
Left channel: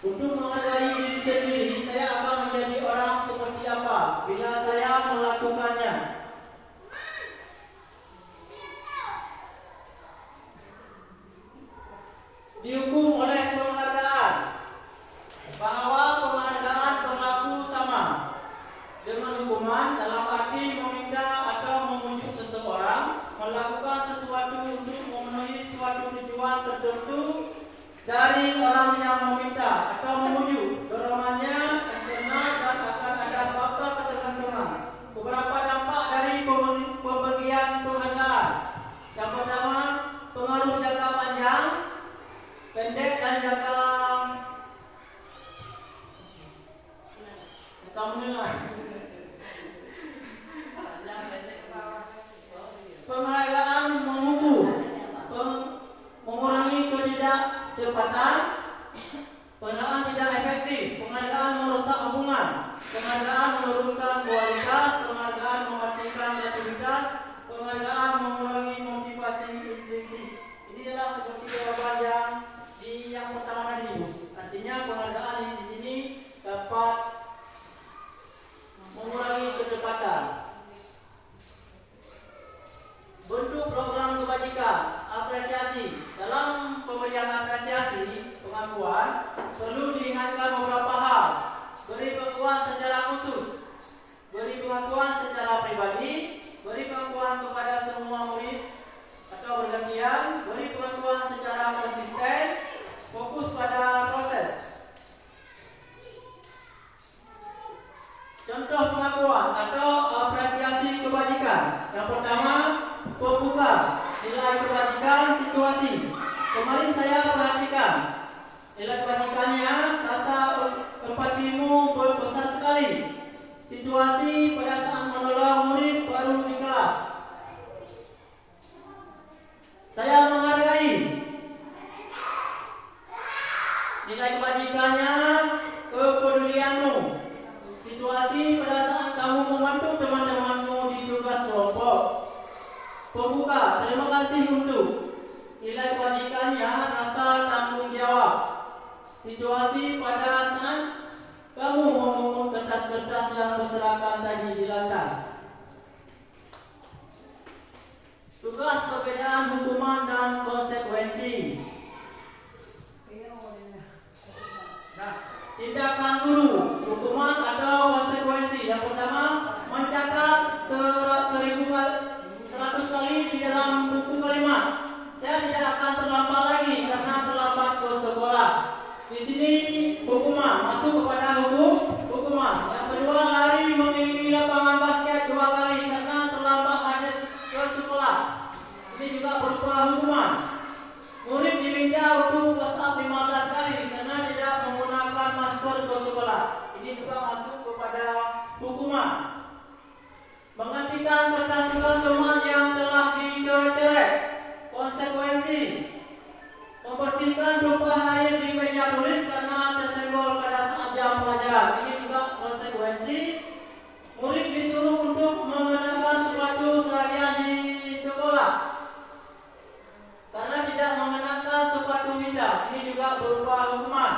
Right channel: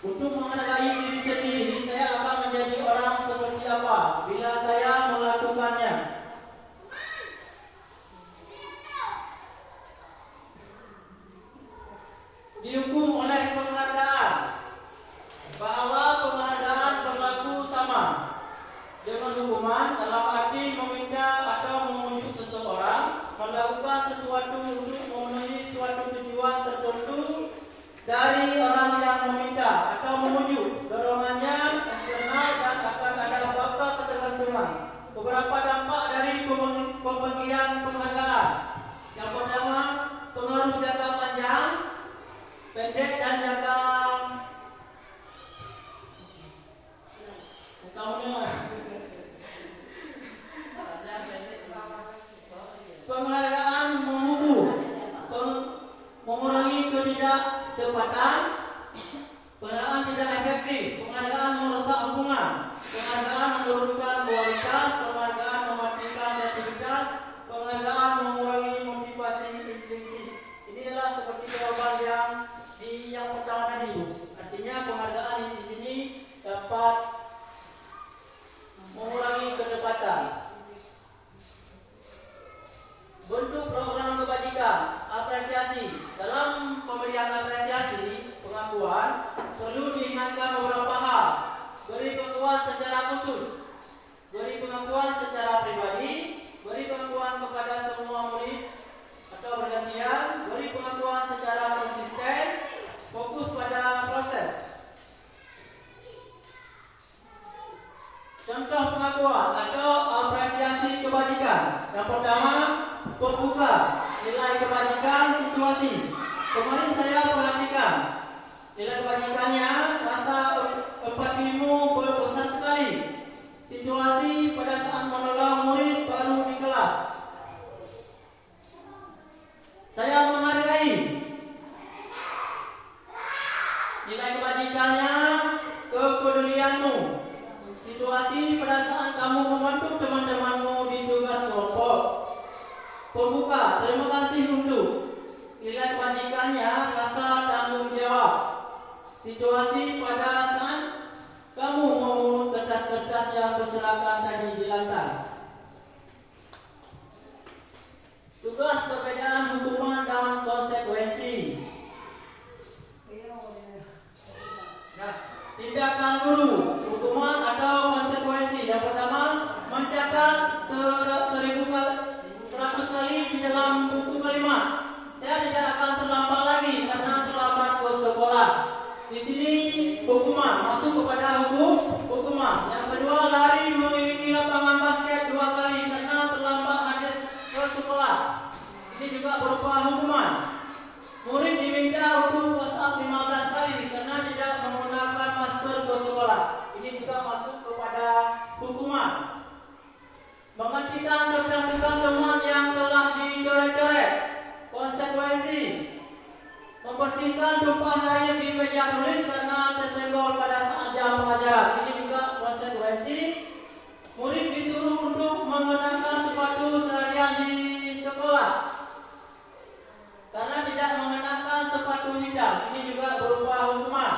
Untuk menghargai diri sendiri, saya akan menjadi orang seperti apa bila saya melakukannya. Dihukum oleh penghargaan, bahwa penghargaan berlaku sama dengan hukuman dalam arti meminta atau menunjuk seseorang melakukan sesuatu untuk memenuhi suatu tujuan tertentu dari orang yang meminta atau memujuk. Dorongannya eksternal dan akan ada faktor ketergantungan. Beberapa dampak dari pemberian penghargaan. Yang pertama, pengaruh jangka panjang, pendek dan jangka menengah. Penghargaan mengukur, mengurangi ketidaktepatan. Penghargaan negatif, penghargaan merusak hubungan, penghargaan menurunkan kualitas, penghargaan mematikan kreativitas, penghargaan mengurangi motivasi intrinsik. Inilah seperti jawaban yang pertama tadi. Artinya penghargaan di sini dapat mengurangi kedekatan. Bentuk program kebajikan, apresiasi. Dalam pemberian apresiasi, pengakuan, perlu diingatkan beberapa hal. Beri pengakuan secara khusus, beri pengakuan secara pribadi, beri pengakuan kepada semua murid atau bergantian, beri pengakuan secara konsisten, fokus pada proses. Contoh pengakuan atau apresiasi kebajikan. Yang pertama, pembuka, nilai kebajikan situasi. Kemarin saya perhatikan nilai kebajikannya, rasa empatimu besar sekali. Situasi pada saat menolong murid baru di kelas. Saya menghargai. Nilai kebajikannya, kepedulianmu. Situasi pada saat kamu membantu teman-temanmu di tugas kelompok. Pembuka, terima kasih untuk. Nilai kebajikannya, rasa tanggung jawab. Situasi pada saat kamu memungut kertas-kertas yang berserakan tadi di lantai. Tugas perbedaan hukuman dan konsekuensi. Nah, tindakan guru, hukuman atau konsekuensi. Yang pertama, mencatat 100 kali di dalam buku kalimat. Saya tidak akan terlambat lagi karena terlambat ke sekolah. Di sini hukuman, masuk kepada hukuman. Yang kedua, lari mengelilingi lapangan basket 2 kali karena terlambat hadir ke sekolah. Ini juga berupa hukuman. Murid diminta untuk push up 15 kali karena tidak menggunakan masker ke sekolah. Ini juga masuk kepada hukuman. Menggantikan kertas-kertas teman yang telah dicoret-coret. Konsekuensi. Membersihkan tumpahan air di meja tulis karena tersenggol pada saat jam pelajaran. Ini juga konsekuensi. Murid disuruh untuk mengenakan sepatu seharian di sekolah karena tidak mengenakan sepatu hitam. Ini juga berupa hukuman.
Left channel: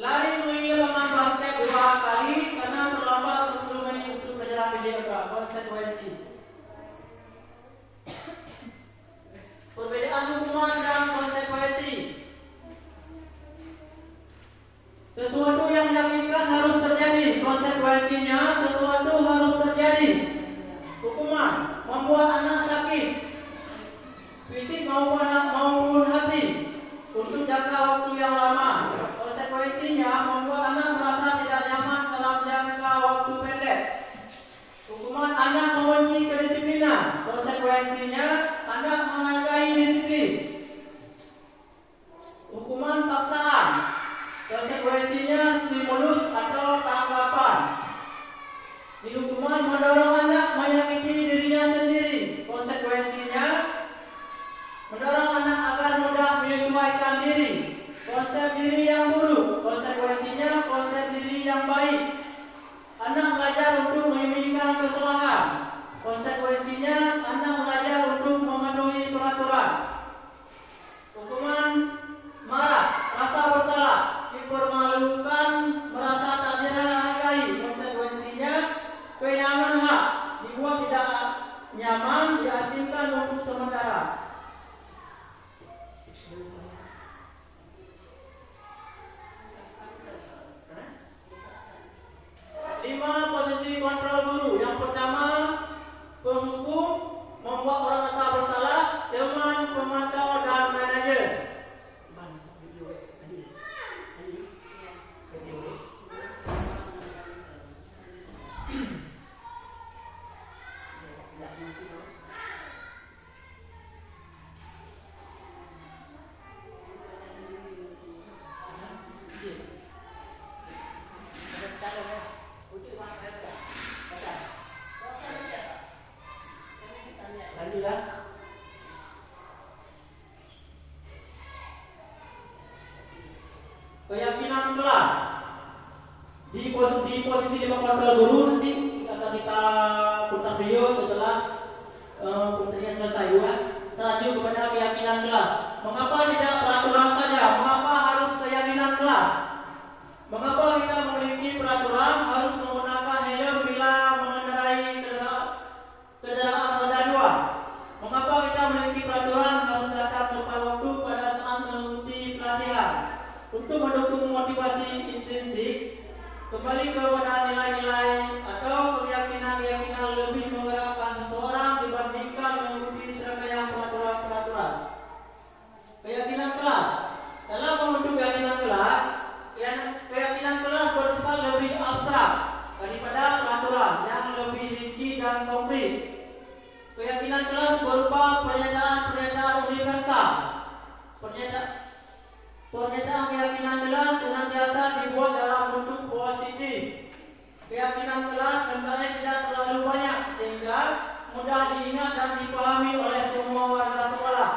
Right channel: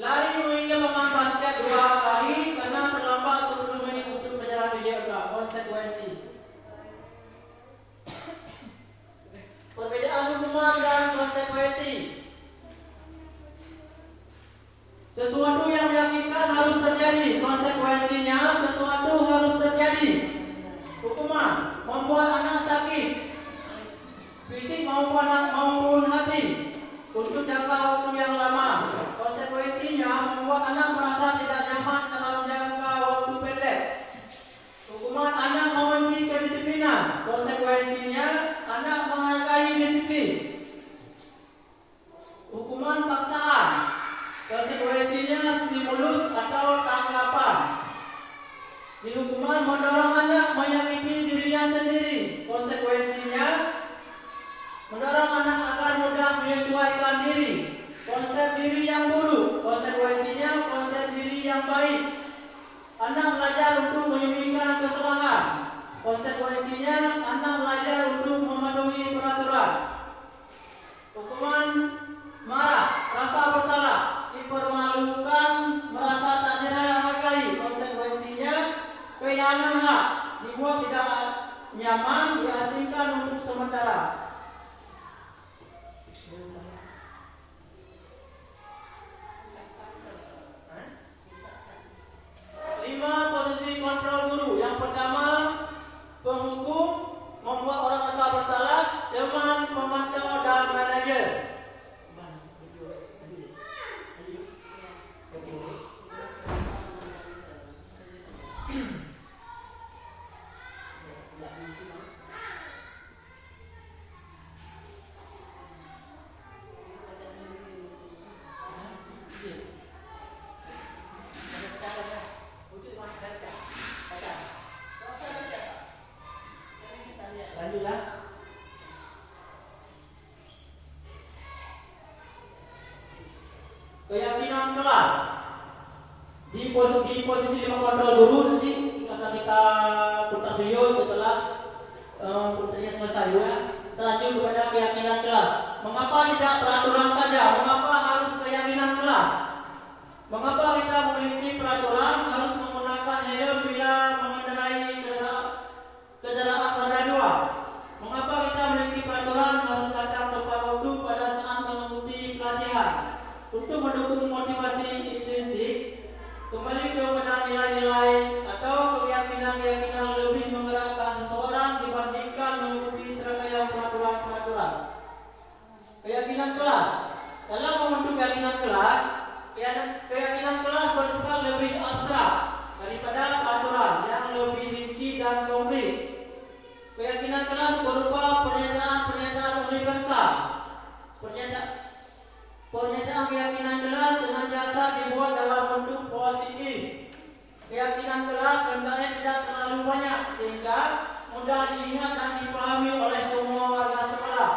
Lari mengelilingi lapangan basket 2 kali karena terlambat 10 menit untuk pelajaran video. Konsekuensi. Perbedaan hukuman dan konsekuensi. Sesuatu yang menyakitkan harus terjadi. Konsekuensinya sesuatu harus terjadi. Hukuman membuat anak sakit, fisik maupun hati, untuk jangka waktu yang lama. Konsekuensinya membuat anak merasa tidak nyaman dalam jangka waktu pendek. Hukuman anak membenci kedisiplinan. Konsekuensinya anak menghargai disiplin. Hukuman paksaan. Konsekuensinya stimulus atau tanggapan. Di hukuman mendorong anak menyakiti dirinya sendiri. Konsekuensinya mendorong anak agar mudah menyesuaikan diri. Konsep diri yang buruk. Konsekuensinya konsep diri yang baik. Anak belajar untuk menyembunyikan kesalahan. Konsekuensinya anak belajar untuk mematuhi peraturan. Hukuman marah, rasa bersalah, dipermalukan, merasa tak dihargai. Konsekuensinya kehilangan hak, dibuat tidak nyaman, diasingkan untuk sementara. 5 posisi kontrol guru. Yang pertama, penghukum, membuat orang merasa bersalah, teman, pemantau, dan manajer. Keyakinan kelas. di posisi 5 kontrol guru nanti akan kita putar video setelah putarnya selesai ya. Kita lanjut kepada keyakinan kelas. Mengapa tidak peraturan saja? Mengapa harus keyakinan kelas? Mengapa kita memiliki peraturan harus menggunakan helm bila mengendarai kendaraan roda 2? Mengapa kita memiliki peraturan harus datang tepat waktu pada saat mengikuti pelatihan? Untuk mendukung motivasi intrinsik, kembali kepada nilai-nilai atau keyakinan-keyakinan lebih menggerakkan seseorang dibandingkan mengikuti serangkaian peraturan-peraturan. Keyakinan kelas. Dalam membentuk keyakinan kelas bersifat lebih abstrak daripada peraturan yang lebih rinci dan konkret. Keyakinan kelas berupa pernyataan-pernyataan universal. Pernyataan keyakinan kelas senantiasa dibuat dalam bentuk positif. Keyakinan kelas hendaknya tidak terlalu banyak sehingga mudah diingat dan dipahami oleh semua warga sekolah.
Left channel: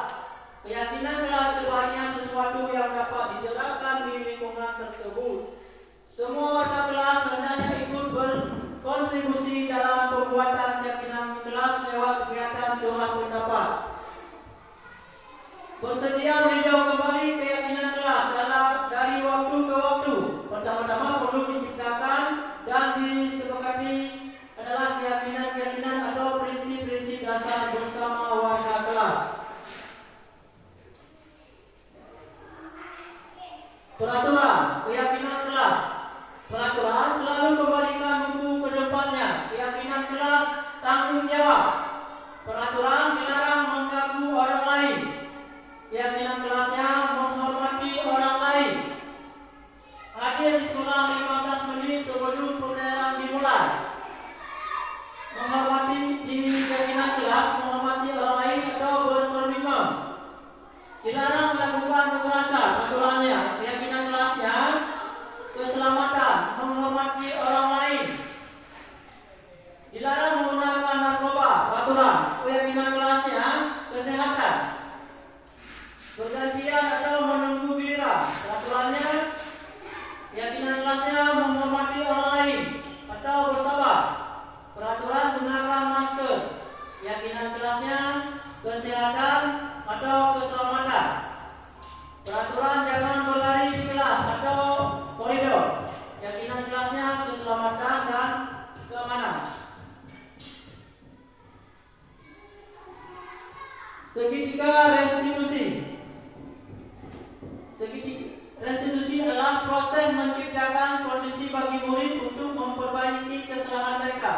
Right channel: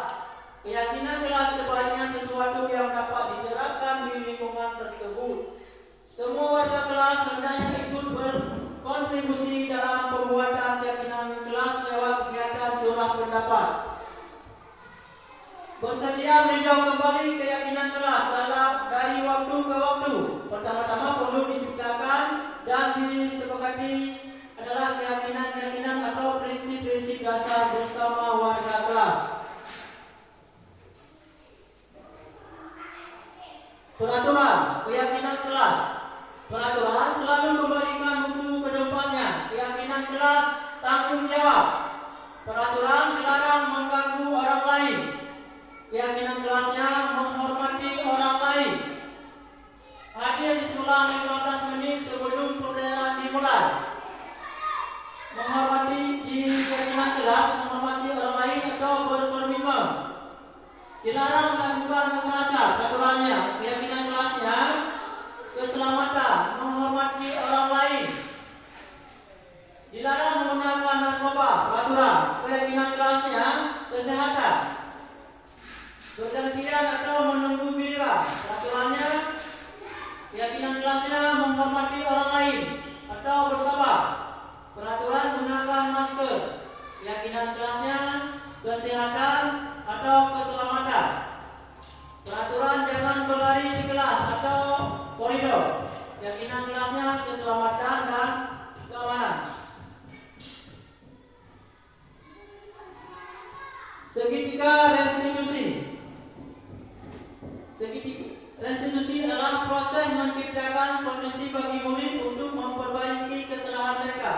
Keyakinan kelas sebaiknya sesuatu yang dapat diterapkan di lingkungan tersebut. Semua warga kelas hendaknya ikut berkontribusi dalam pembuatan keyakinan kelas lewat kegiatan curah pendapat. Bersedia meninjau kembali keyakinan kelas dari waktu ke waktu. Pertama-tama perlu diciptakan dan disepakati adalah keyakinan-keyakinan atau prinsip-prinsip dasar bersama warga kelas. Peraturan, keyakinan kelas. Peraturan selalu kembalikan buku ke depannya. Keyakinan kelas, tanggung jawab. Peraturan dilarang mengganggu orang lain. Keyakinan kelasnya menghormati orang lain. Hadir di sekolah 15 menit sebelum pelajaran dimulai. Menghormati di keyakinan kelas, menghormati orang lain atau berkomitmen. Dilarang melakukan kekerasan. Peraturannya, keyakinan kelasnya, keselamatan, menghormati orang lain. Dilarang menggunakan narkoba. Peraturan, keyakinan kelasnya, kesehatan. Bergantian atau menunggu giliran. Peraturannya, keyakinan kelasnya menghormati orang lain atau bersabar. Peraturan gunakan masker. Keyakinan kelasnya kesehatan atau keselamatan. Peraturan jangan berlari di kelas atau koridor. Keyakinan kelasnya keselamatan dan keamanan. Segitiga restitusi. Restitusi adalah proses menciptakan kondisi bagi murid untuk memperbaiki kesalahan mereka,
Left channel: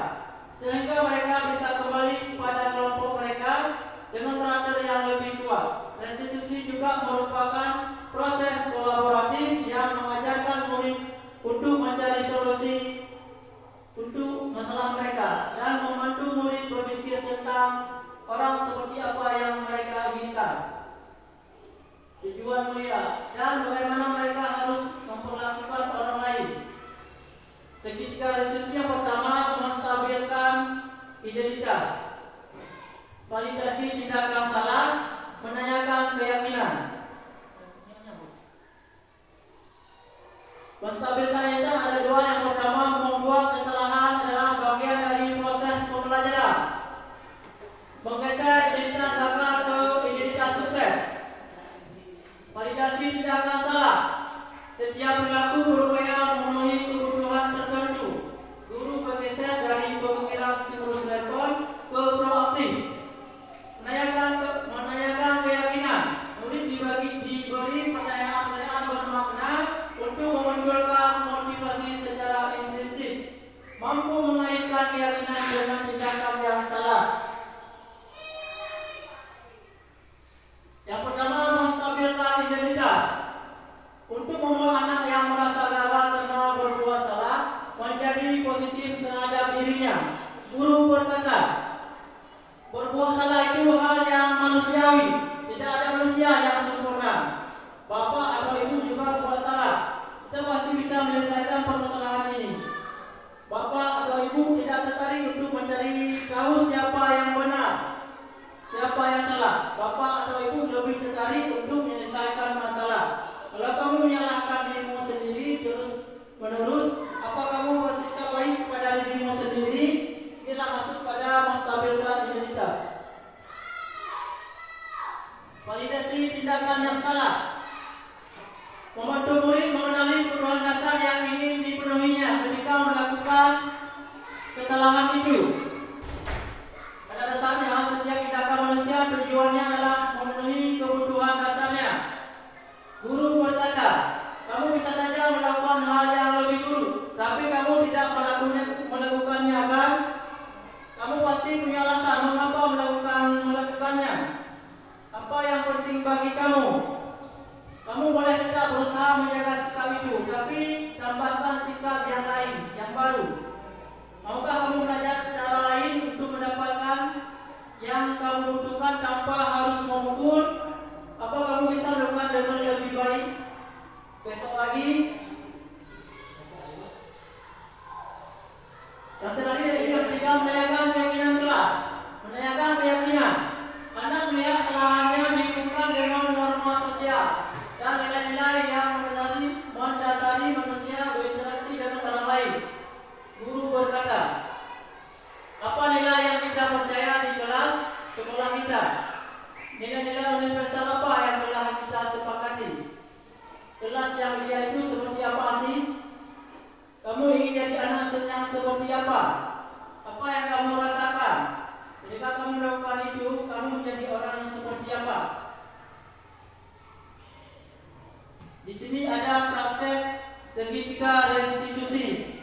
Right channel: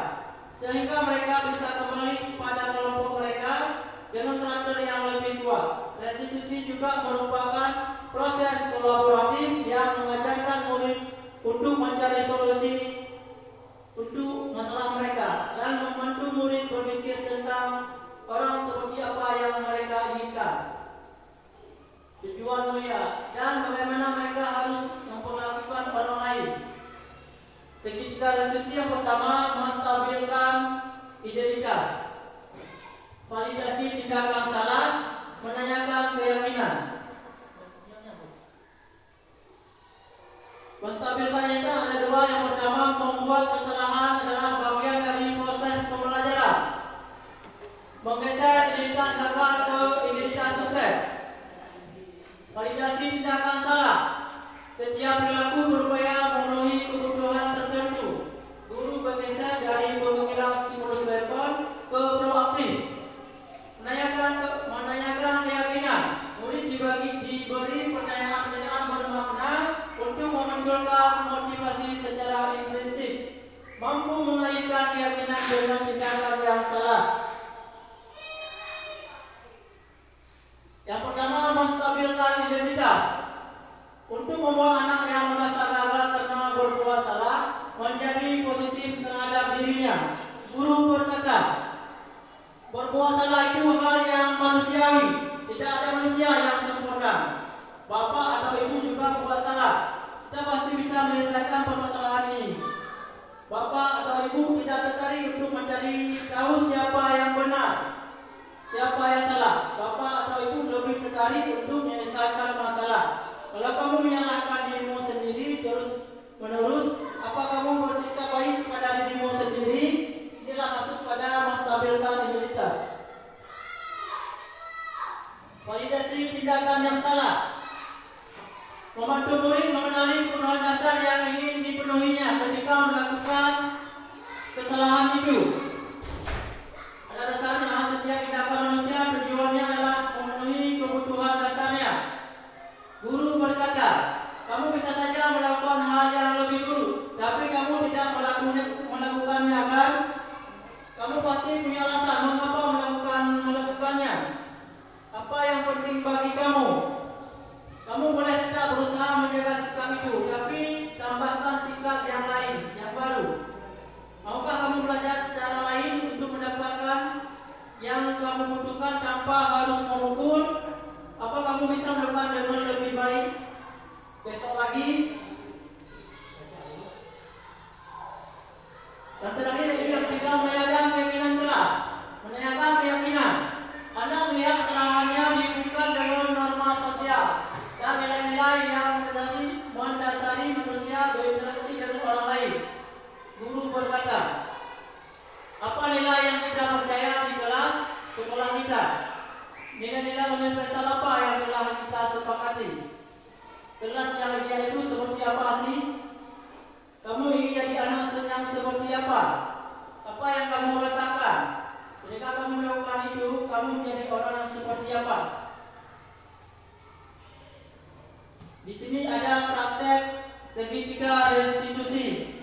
sehingga mereka bisa kembali kepada kelompok mereka dengan karakter yang lebih kuat. Restitusi juga merupakan proses kolaboratif yang mengajarkan murid untuk mencari solusi untuk masalah mereka dan membantu murid berpikir tentang orang seperti apa yang mereka inginkan, tujuan mulia, dan bagaimana mereka harus memperlakukan orang lain. Segitiga restitusi yang pertama, menstabilkan identitas. Validasi tindakan salah, menanyakan keyakinan. Menstabilkan identitas ada dua. Yang pertama, membuat kesalahan adalah bagian dari proses pembelajaran. Menggeser identitas gagal ke identitas sukses. Validasi tindakan salah. Setiap perilaku berupaya memenuhi kebutuhan tertentu. Guru bergeser dari pemikiran stimulus respon ke proaktif. Menanyakan keyakinan. Murid diberi pertanyaan-pertanyaan bermakna untuk memunculkan motivasi secara intrinsik. Mampu mengaitkan keyakinan dengan tindakan yang salah. Yang pertama, menstabilkan identitas. Untuk membuat anak yang merasa gagal karena berbuat salah menjadi positif terhadap dirinya, guru berkata, berbuat salah itu hal yang manusiawi. Tidak ada manusia yang sempurna. Bapak atau ibu juga buat salah. Kita pasti bisa menyelesaikan permasalahan ini. Bapak atau ibu tidak tertarik untuk mencari tahu siapa yang benar, siapa yang salah. Bapak atau ibu lebih tertarik untuk menyelesaikan masalah. Kalau kamu menyalahkan dirimu sendiri terus menerus, apakah menambahkan sikap yang lain, yang baru. Maukah kamu belajar cara lain untuk mendapatkan yang kamu butuhkan tanpa harus memukul? Apa kamu bisa melakukan dengan lebih baik besok lagi? Yang terakhir juga sedang menanyakan keyakinan kelas. Menanyakan keyakinan. Anda melihat kesalahannya dihubungkan dengan norma sosial dan nilai-nilai yang mendasari manusia berinteraksi dengan orang lain. Guru berkata, apa nilai yang kita percaya di kelas sekolah kita? Nilai-nilai universal apa yang telah kita sepakati? Kelas yang ideal itu seperti apa sih? Kamu ingin jadi anak yang seperti apa? Apa yang kamu rasakan? Ketika kamu melakukan itu, kamu menjadi orang yang seperti apa? Di sini ada praktek segitiga restitusi.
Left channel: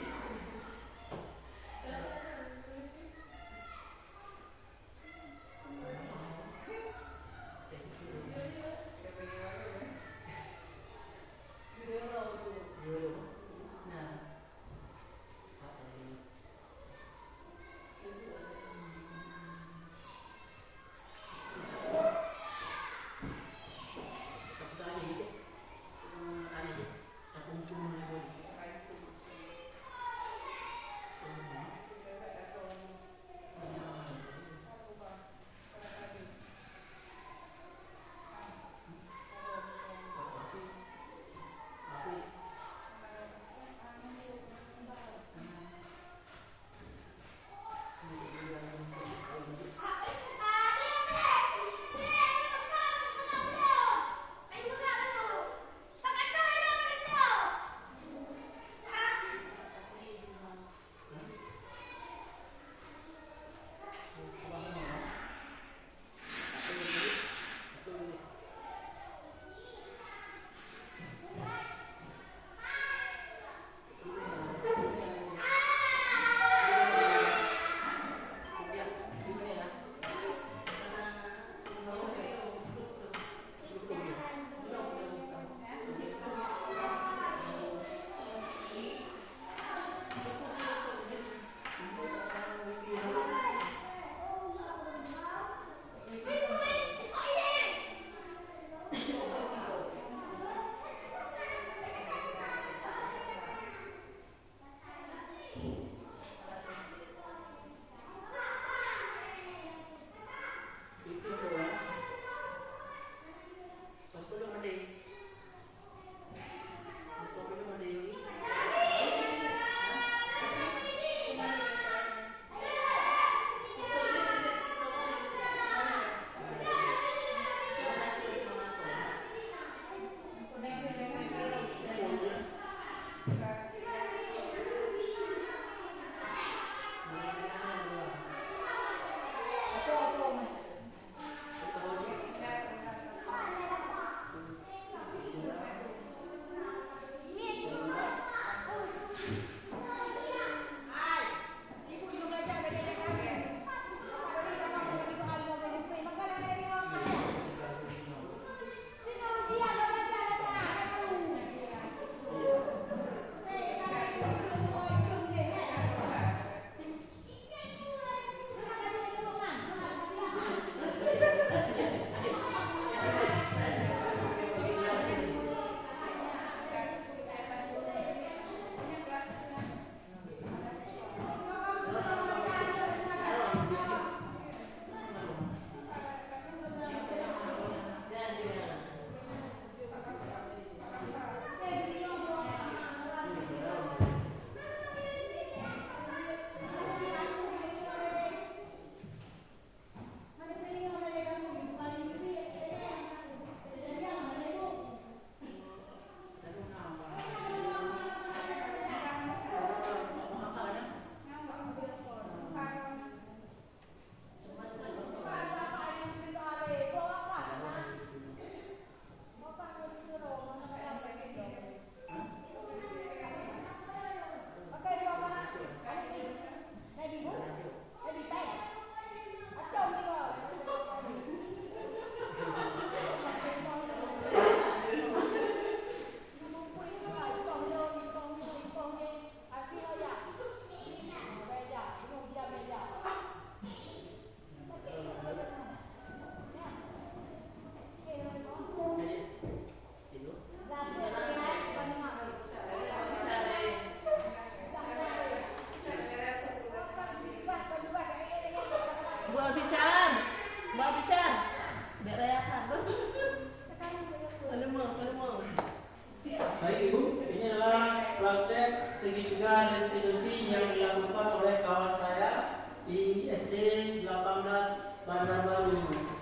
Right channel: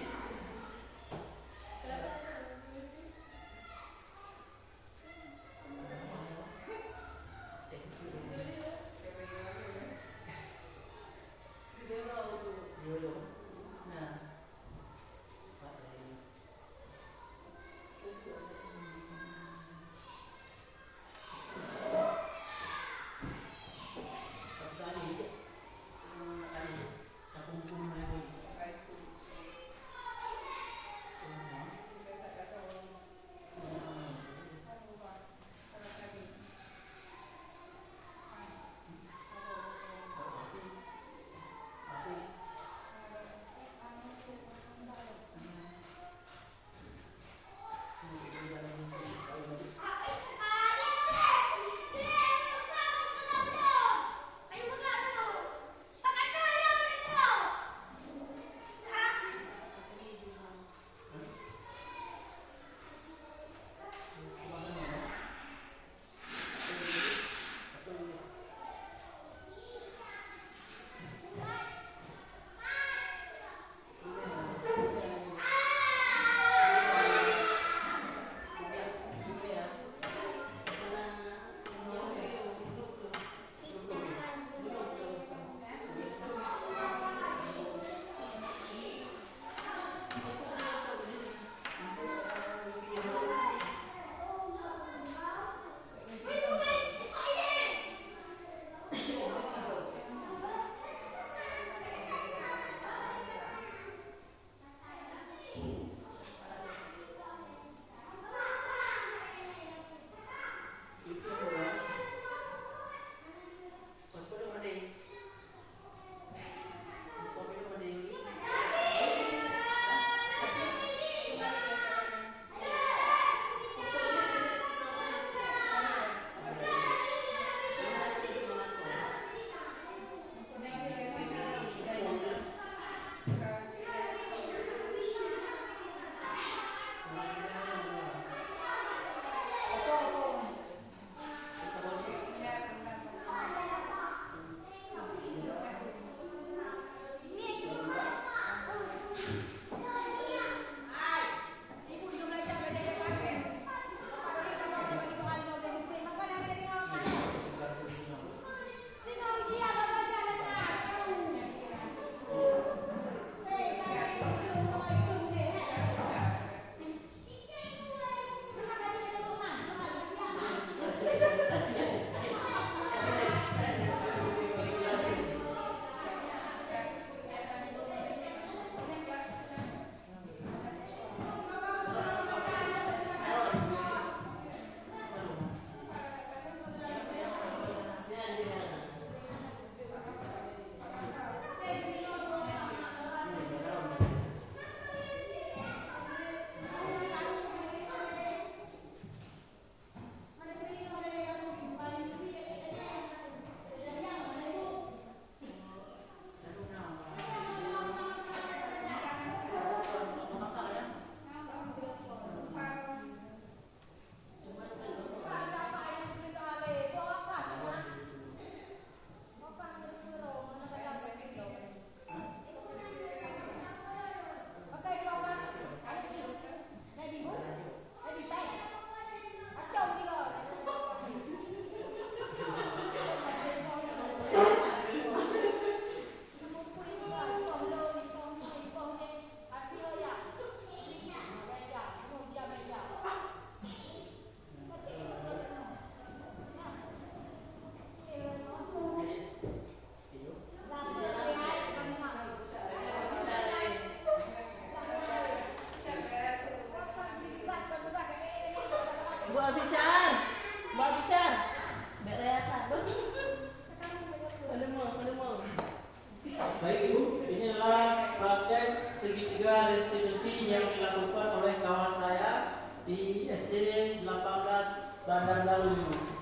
Bandarbaru ini.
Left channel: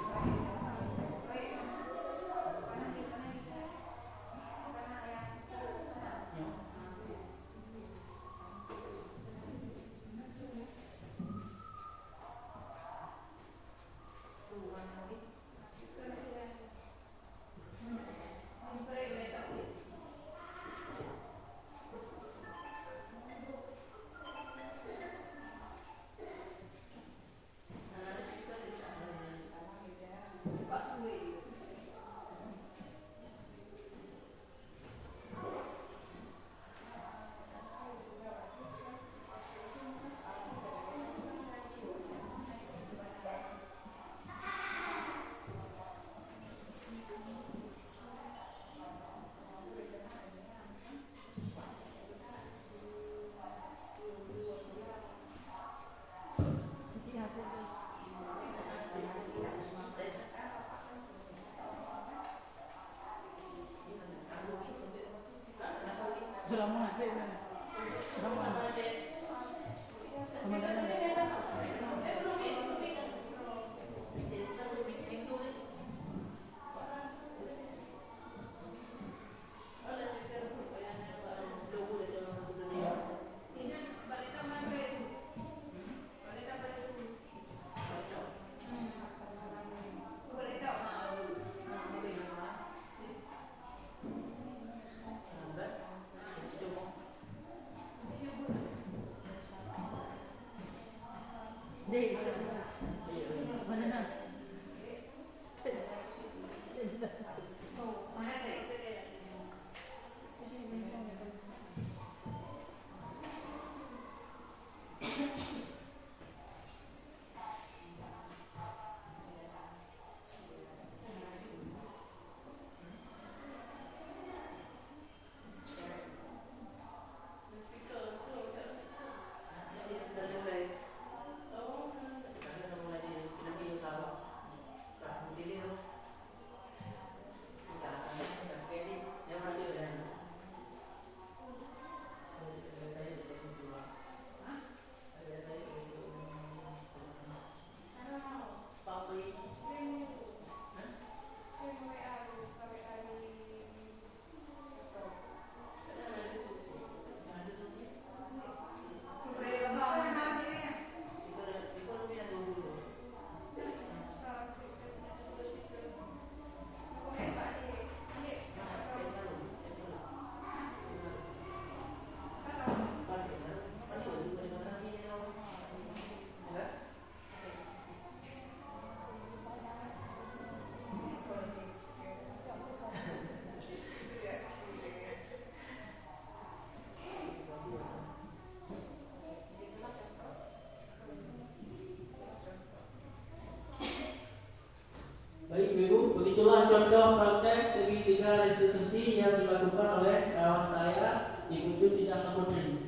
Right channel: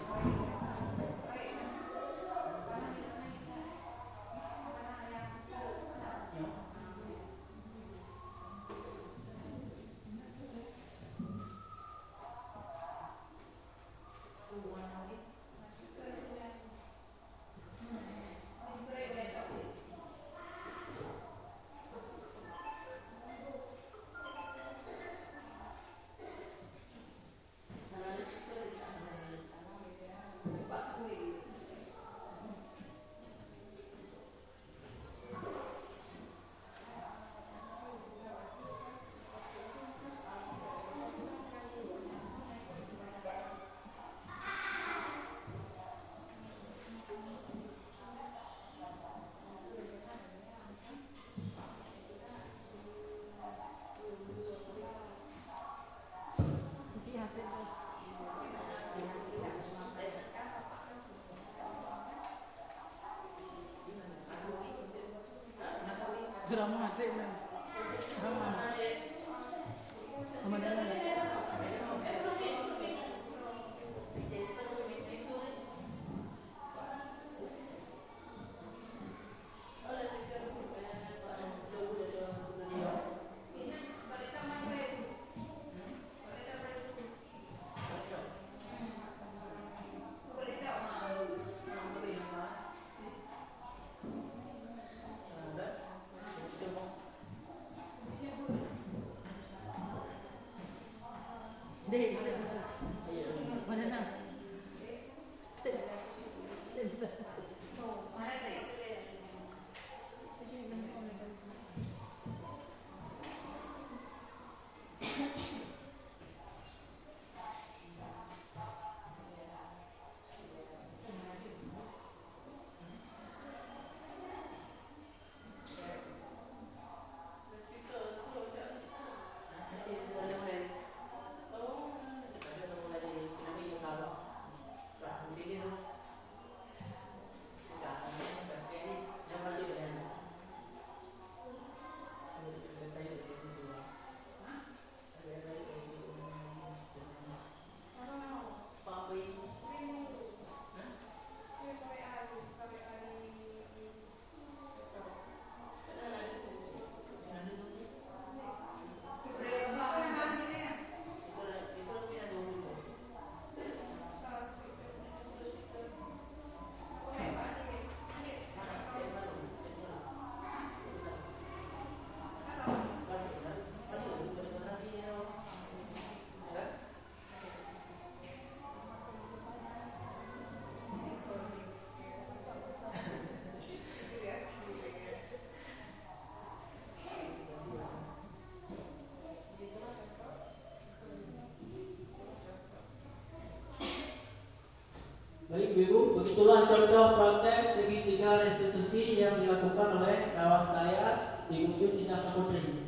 Baik Ibu, begitulah contoh praktek segitiga restitusi yang dilakukan oleh kawan saya Ibu Jutina Samudri.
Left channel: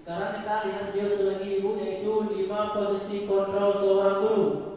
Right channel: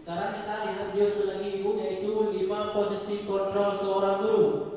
Sekarang kita lihat video satu lagi Ibu, yaitu 5 posisi kontrol seorang guru.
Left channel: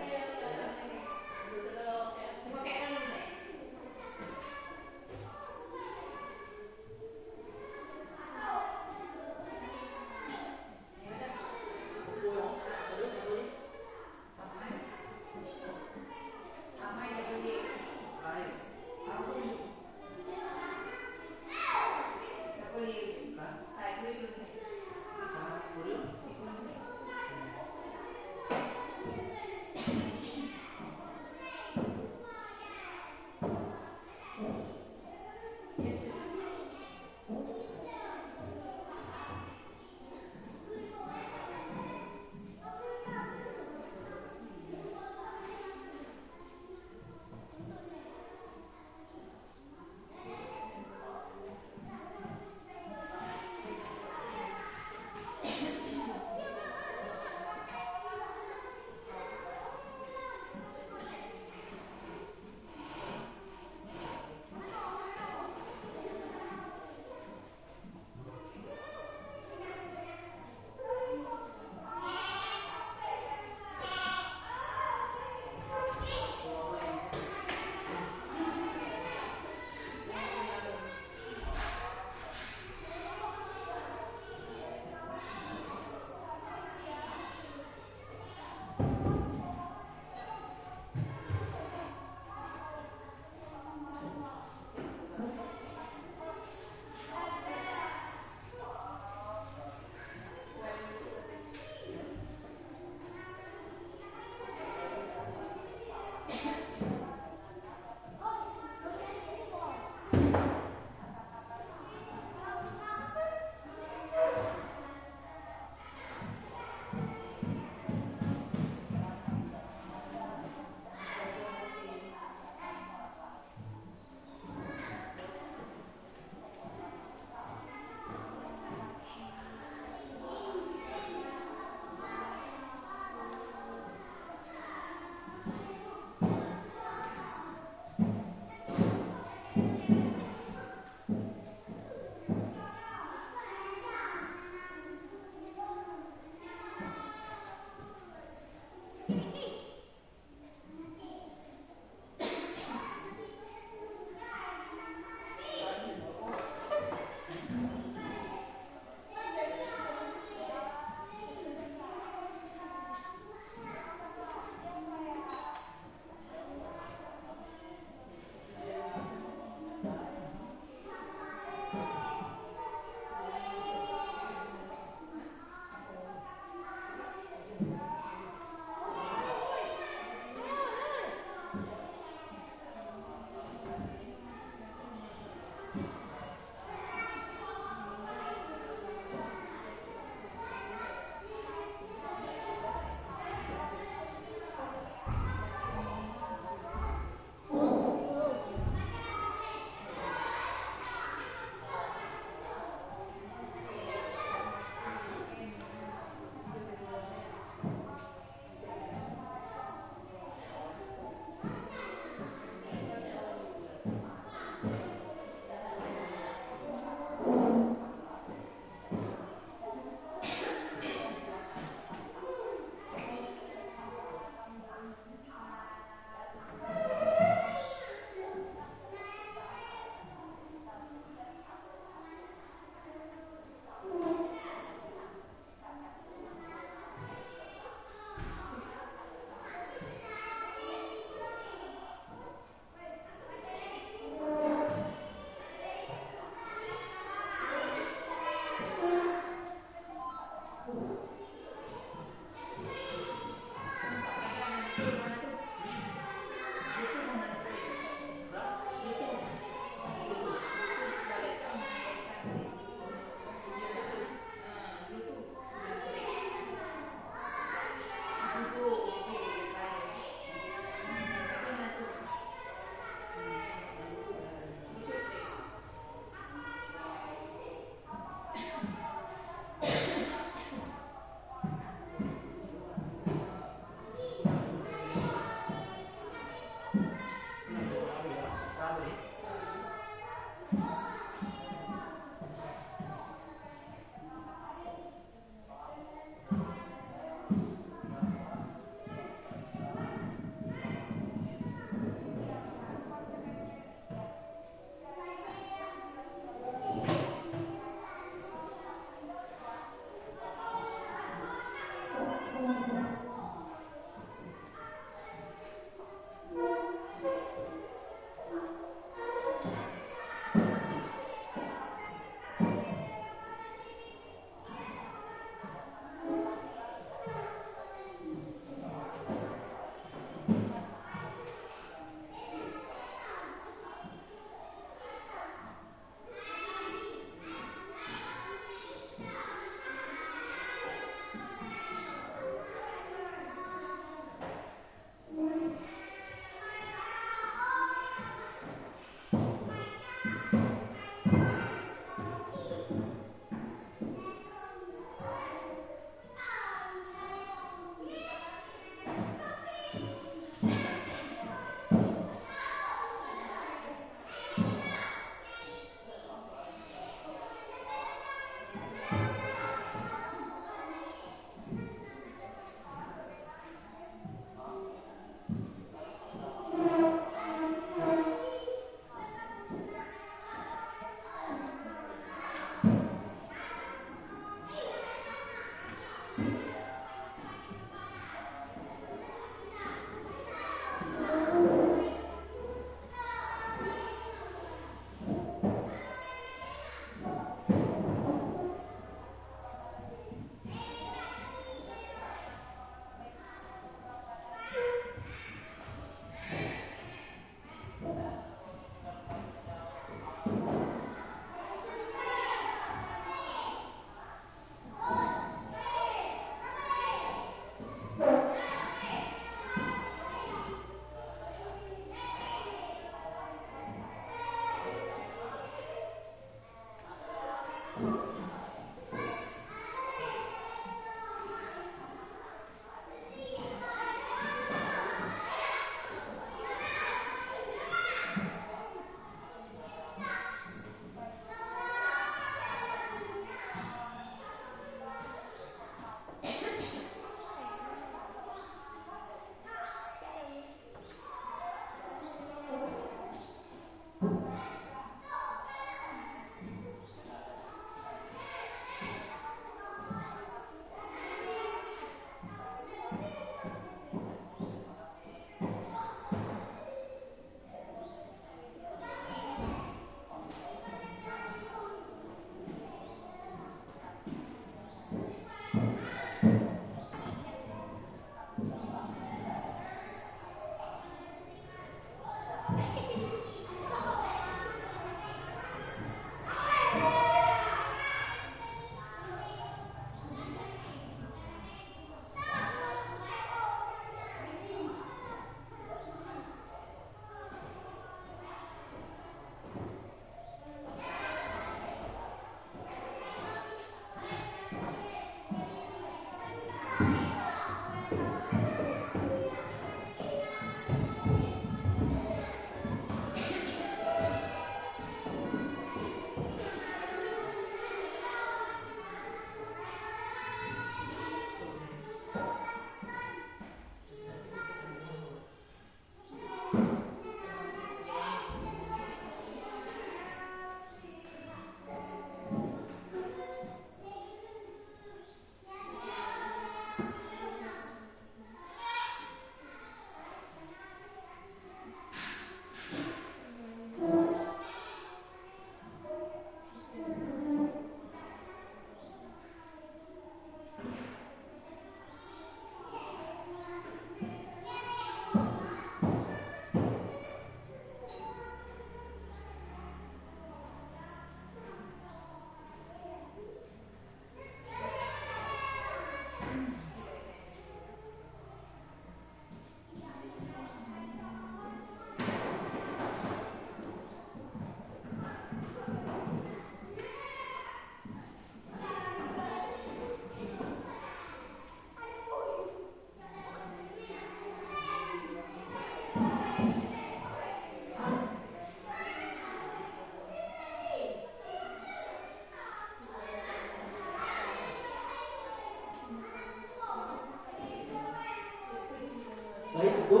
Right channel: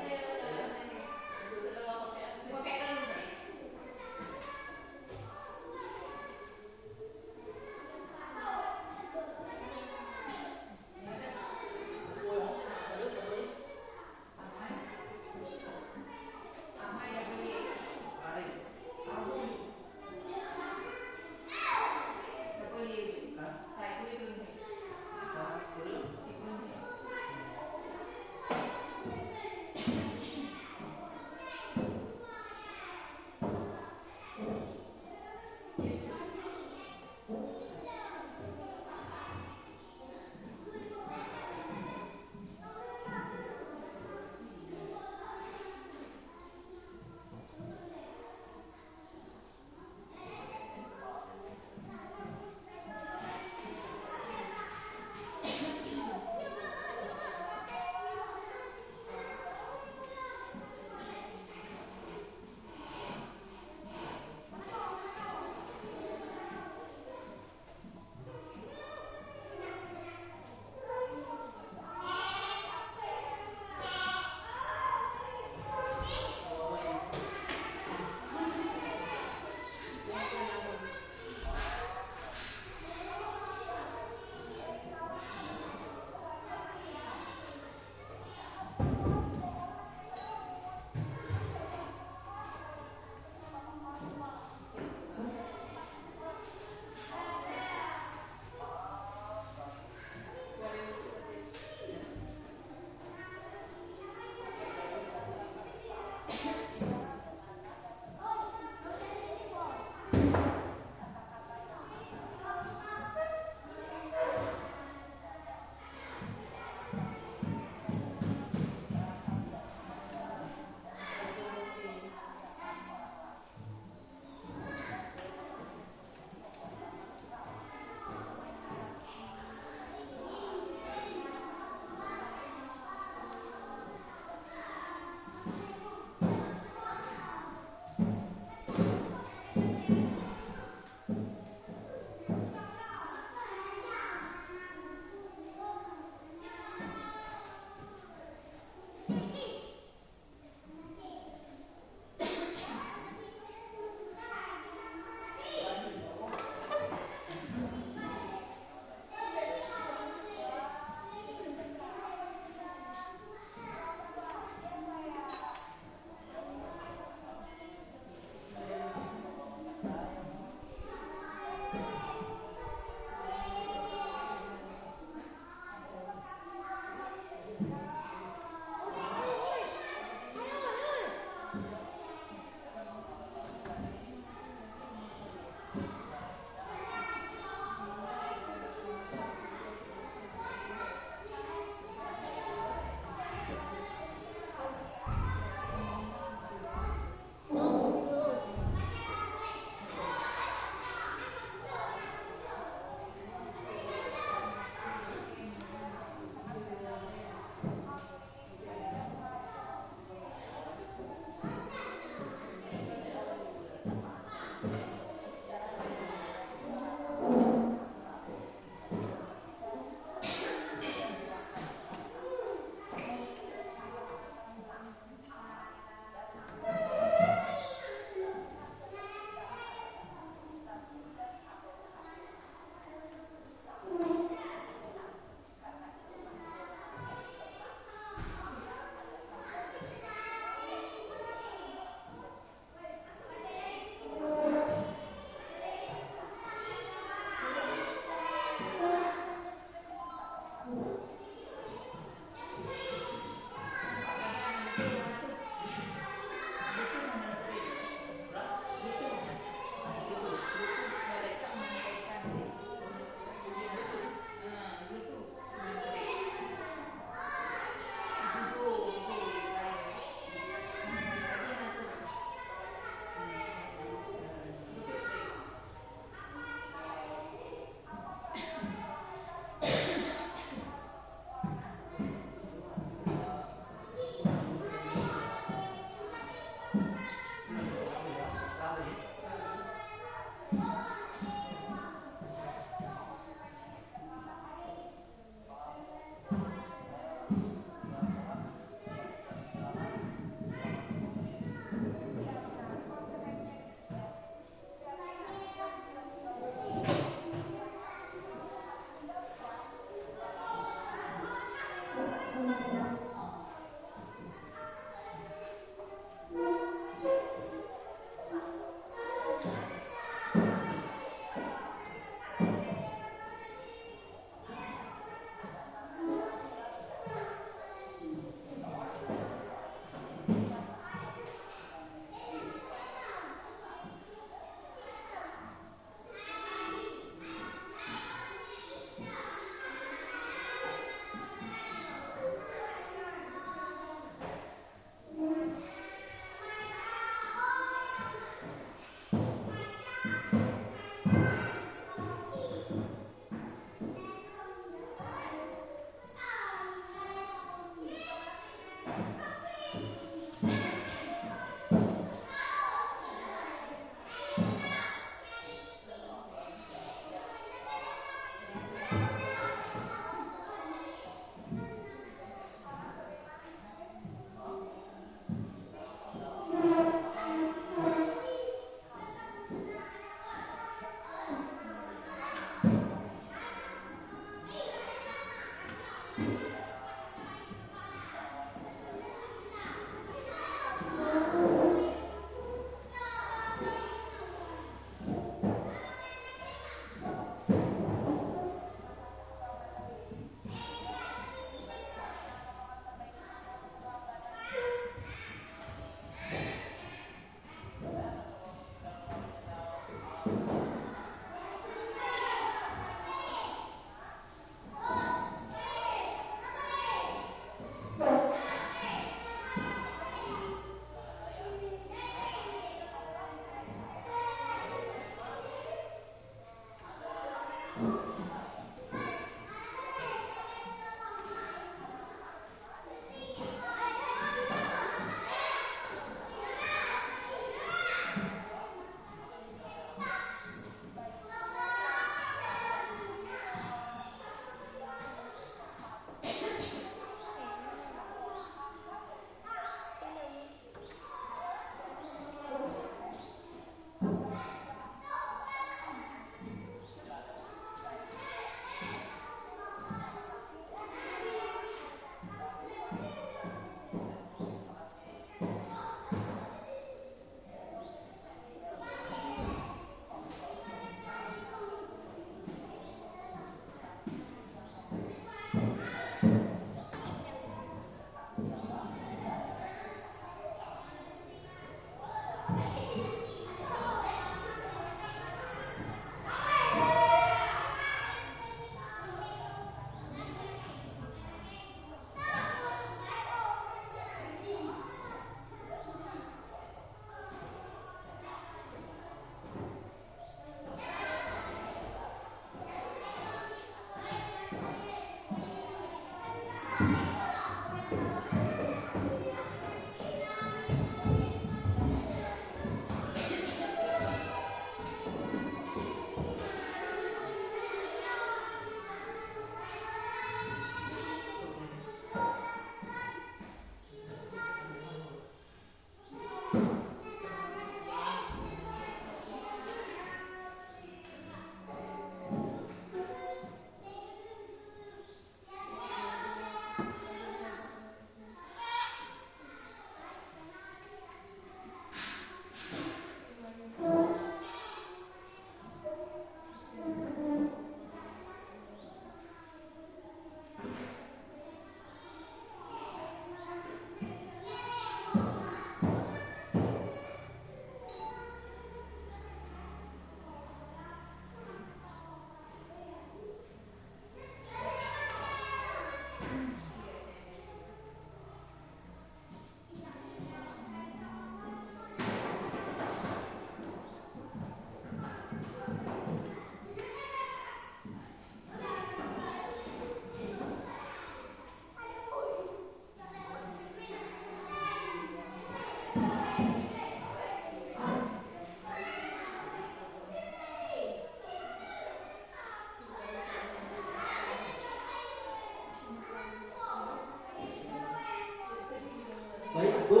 Baik Bu,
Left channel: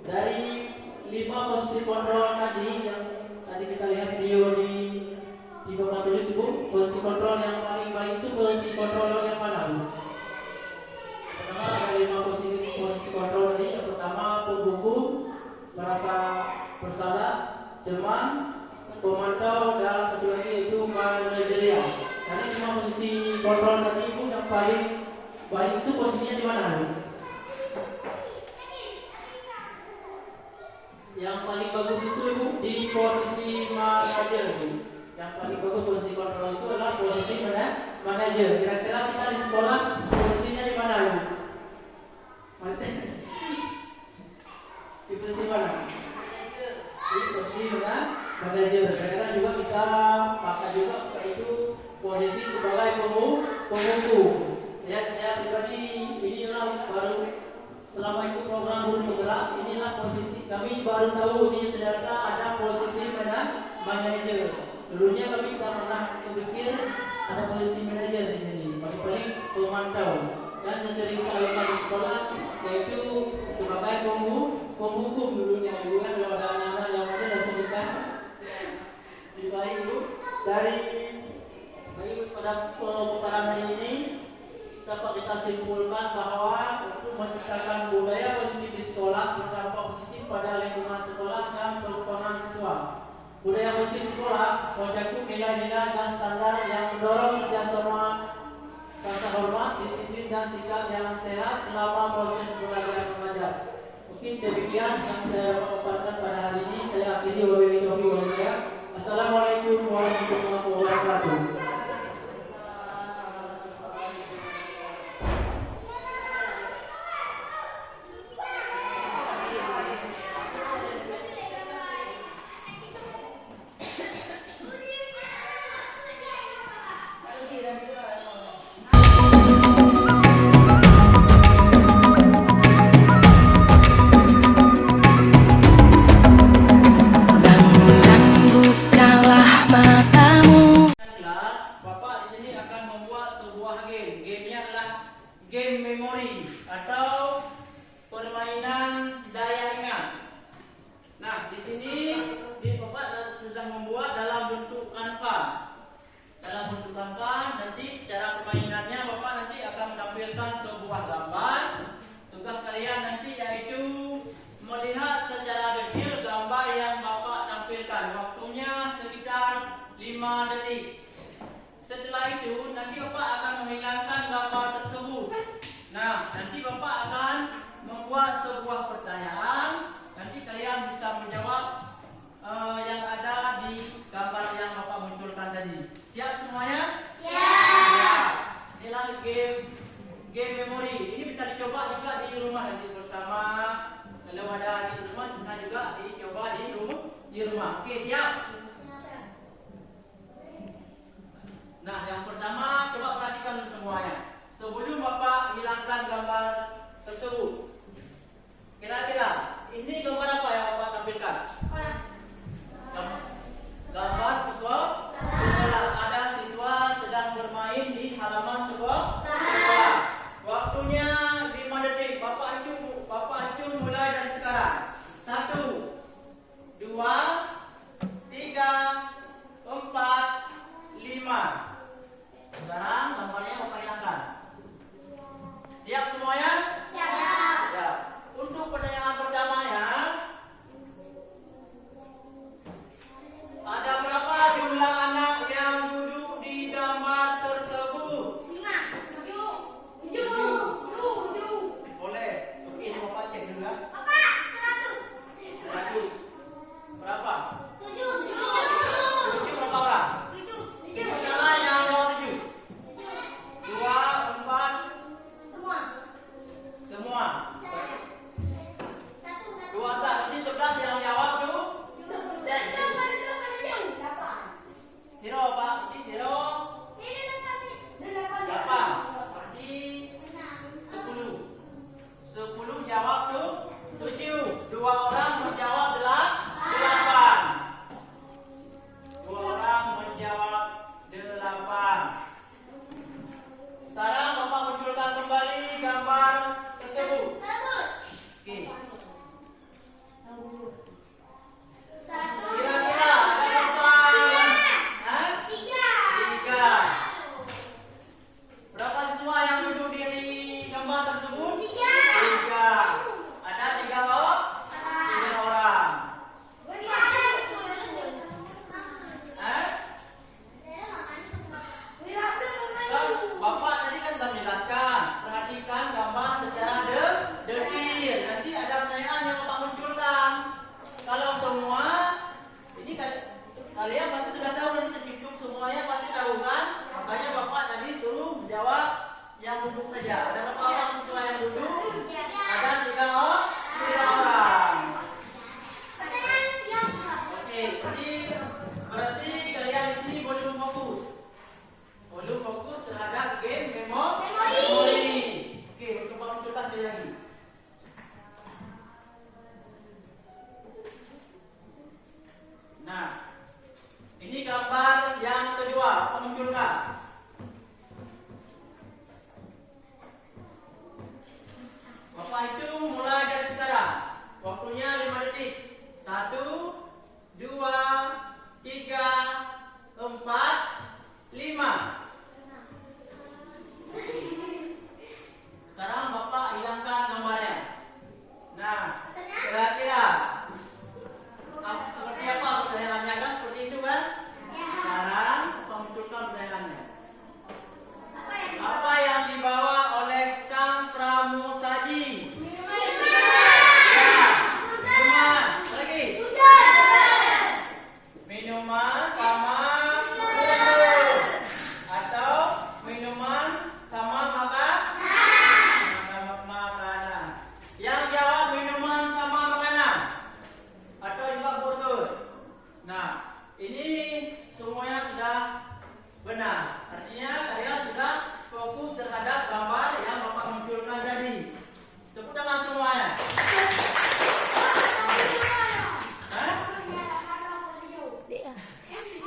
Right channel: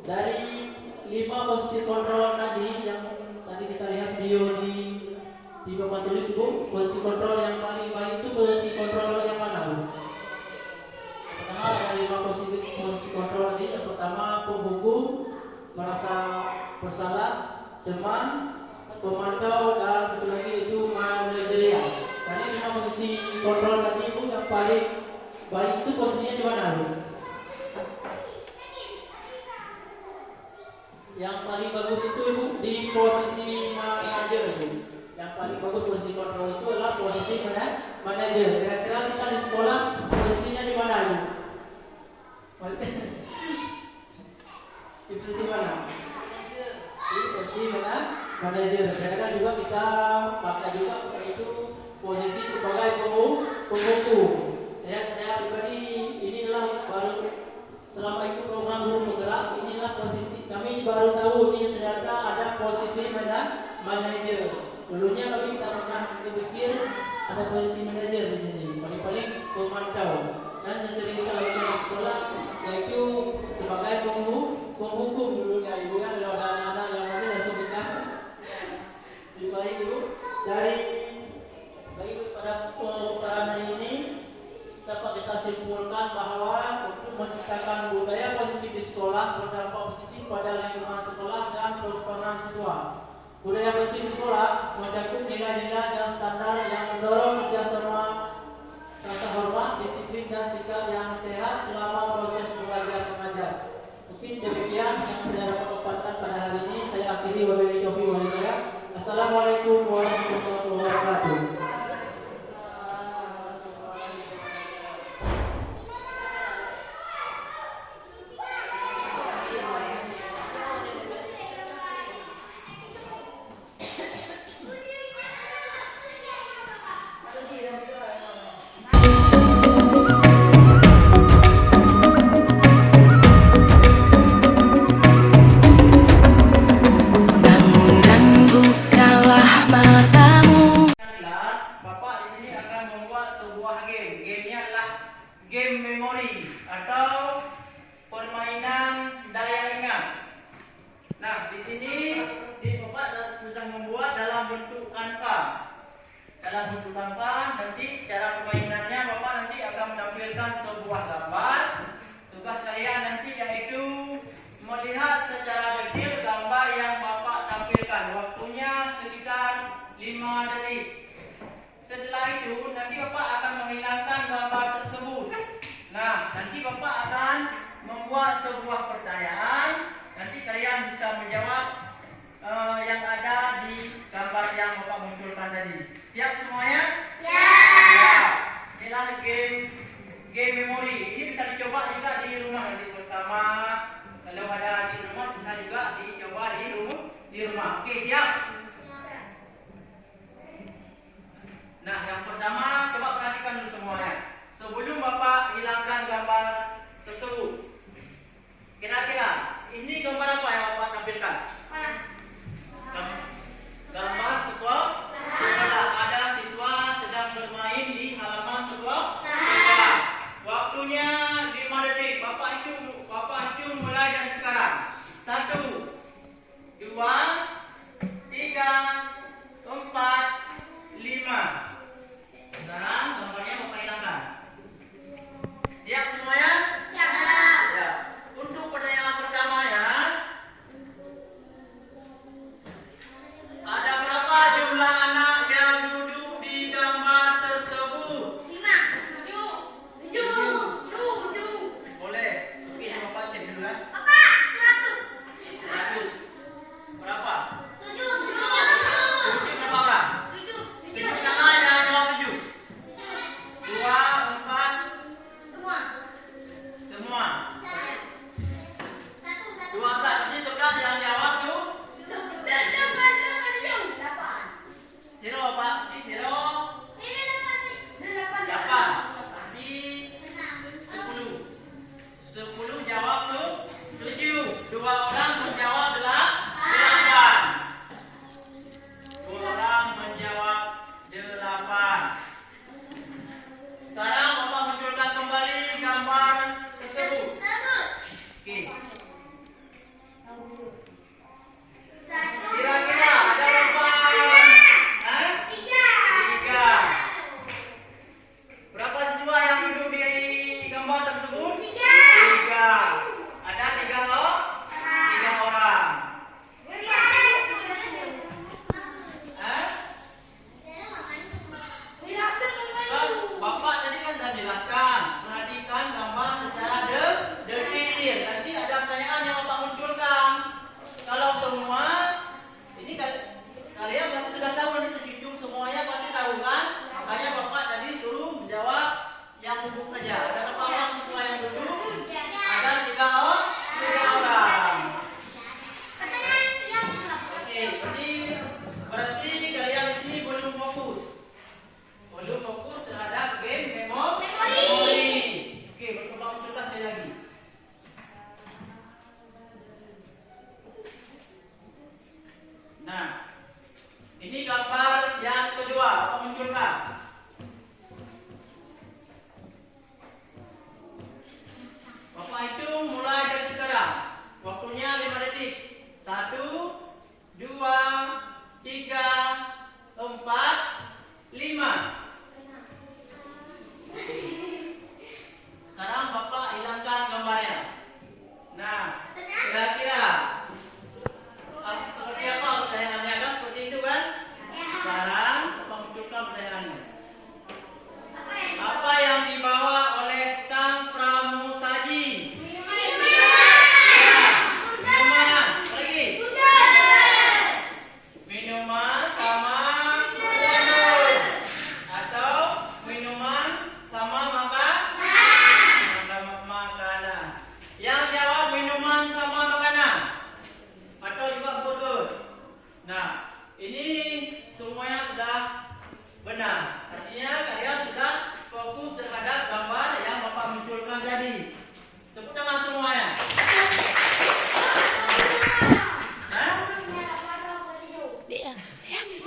dari 5 posisi kontrol tadi yang tadi kita lihat video di papan tulis Bu, posisi kontrol yang paling baik itu posisi kontrol yang mana Bu? Pertama ada 5 posisi kontrol tadi. Yang pertama pembuku, merasa bersalah, teman, pemantau, dan satu lagi yaitu manajerial. Karena 5 posisi kontrol tadi Bu, yang paling baik itu posisinya di mana Bu? Yang paling bagus itu Bu, di posisi manajer Bu. Yang paling bagus posisi kontrol itu adalah posisi manajer. Kira-kira kita di sekolah posisinya di mana Bu? Di posisi mana? Di posisi mana? Manajer. Kira-kira juga kita pakai juga kita itu posisi sebagai pembuku. Saya pribadi inilah baru selama itu program guru penggerak, inilah posisi kami baru tahu ini ternyata ada posisi manajer. Dulunya kami tak pernah berpikir ada posisi manajer di sini. Paling-paling pemantau. Dan sering kita lakukan di sekolah yaitu sebagai penghukum dulunya. Ibu kan kalau ada anak-anak yang ada langsung kita dibaik Ibu. Dari pada pembicaraan hari ini dapat kita simpulkan bahwa untuk menciptakan budaya positif di sekolah berdampak positif pada lingkungan sekolah dan perkembangan siswa. Budaya positif di sekolah mencakup nilai-nilai dan standar yang mendorong kerjasama, rasa hormat, disiplin dan sikap yang sehat selama proses belajar mengajar. Mungkin demikian yang saya dapat paparkan pada hari ini. Saya akhiri wabillahi taufiq wal hidayah. Assalamualaikum warahmatullahi wabarakatuh. Game memori atau permainan daya ingat. Nah, di sini Bapak sudah membuat dalam bentuk kanva. Dalam bentuk kanva, nanti cara permainannya Bapak nanti akan menampilkan sebuah gambar. Tugas kalian nanti yaitu melihat secara detail gambar yang Bapak tampilkan. Waktunya sekitar 5 detik. Setelah itu nanti Bapak akan menghilangkan gambar tersebut. Nah, nanti Bapak akan membuat sebuah pertanyaan. Nanti kalian bisa menjawab yang ada di gambar yang Bapak munculkan tadi. Siap semuanya? Siap. Inilah game memori. Ini bisa dicoba juga di rumah nanti bersama. Kalau ada di rumah bisa juga dicoba di rumah. Oke, siap? Nah, yang pertama menjelaskan. Perhatikan gambar secara detail. Nanti ada pertanyaan yang Bapak munculkan. Kalau semua, ini kalian pasti sudah tahu, ini secucuk semuanya pasti tahu kan? Makanya Bapak tadi suruh menjawab yang duduk saja. Ada berapa orang siswa yang duduk? Ada 3 orang. Oke, berarti kalian di sini belum fokus. Belum fokus terhadap game memori. Oke, coba munculkan sekali lagi. Nah, ini gambar yang kedua, Bapak munculkan. Bapak hitung mulai dari sekarang. Waktunya 5 detik. 1, 2, 3, 4, 5. Sekarang Bapak hilangkan gambarnya. Nah, kira-kira seperti apa pertanyaannya kan? Seperti itu kan? Sekarang Bapak munculkan pertanyaannya. Apa yang dibawa oleh sang pramusaji? Minuman. Lagi. Minuman sama atau minuman sama makanan. Yang jawab minuman sama makanan atau juga botol. Nah, ini semuanya sudah benar. Artinya kalian sudah fokus terhadap gambar yang Bapak munculkan tadi. Tepuk tangan semuanya.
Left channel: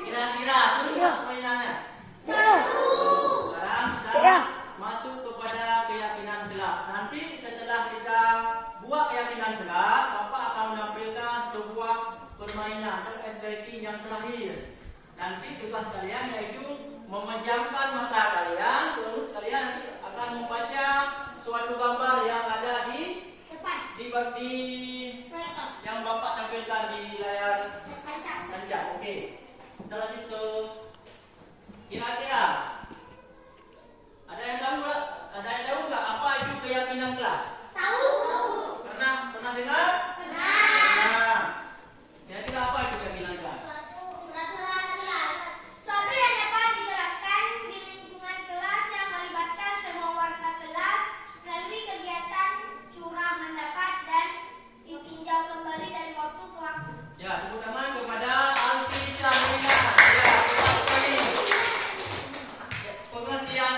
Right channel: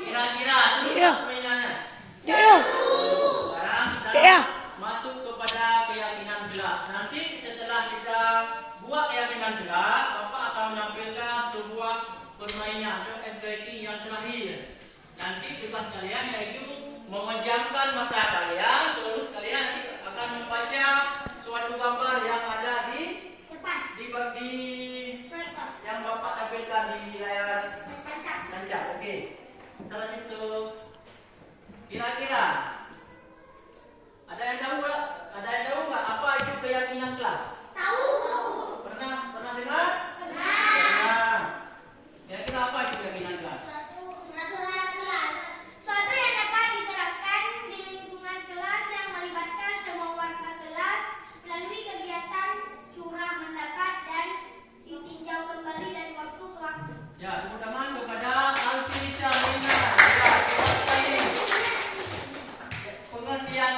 Kira-kira seru permainannya. Sekarang kita masuk kepada keyakinan kelas. Nanti setelah kita buat keyakinan kelas, Bapak akan menampilkan sebuah permainan atau activity yang terakhir. Nanti tugas kalian yaitu memejamkan mata kalian, terus kalian nanti akan membaca suatu gambar yang ada di yang Bapak tampilkan di layar kaca. Oke. Kita lanjut ke kira-kira ada yang tahu nggak apa itu keyakinan kelas? Tahu. Pernah dengar? Pernah. Kira-kira apa itu keyakinan kelas? Suatu yang dapat diterapkan di lingkungan kelas yang melibatkan semua warga kelas melalui kegiatan curah mendapat dan ditinjau kembali dari waktu ke waktu. Ya, tepuk tangan kepada Alfi Syamina. Ya, terima kasih. Pengertian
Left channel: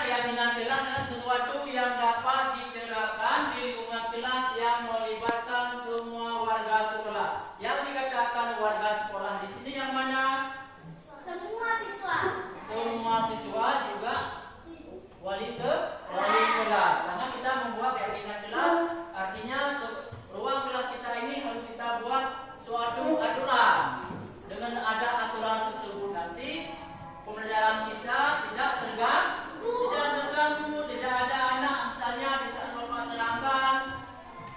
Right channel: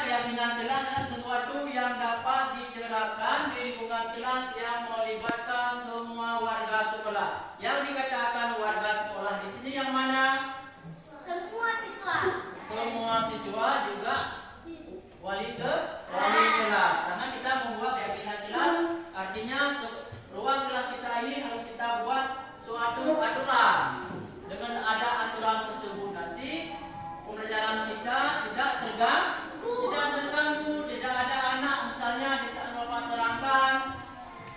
keyakinan kelas adalah sesuatu yang dapat diterapkan di lingkungan kelas yang melibatkan semua warga sekolah. Yang dikatakan warga sekolah di sini yang mana? Semua siswa. Semua siswa juga wali kelas. Karena kita membuat keyakinan kelas, artinya ruang kelas kita ini harus kita buat suatu aturan. Dengan ada aturan tersebut nanti pembelajaran kita tidak terganggu, tidak ada anak misalnya di saat Bapak terangkan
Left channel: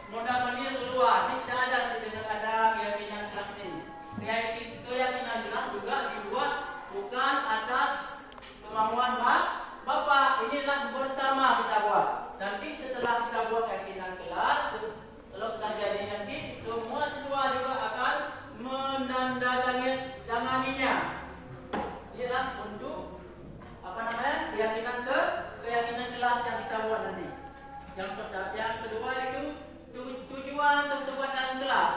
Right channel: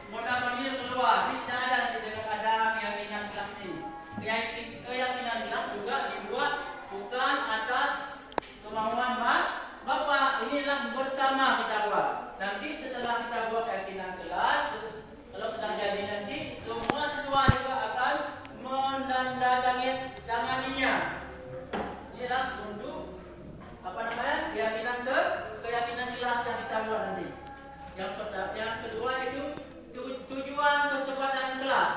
modal pergi keluar. Ini tidak ada dengan ada keyakinan kelas ini. Keyakinan kelas juga dibuat bukan atas kemauan Bapak. Inilah bersama kita buat. Nanti setelah kita buat keyakinan kelas, kalau sudah jadi nanti semua siswa juga akan menandatanganinya. Ialah untuk keyakinan kelas yang kita buat nanti. Yang kedua itu tujuan kesempatan kelas.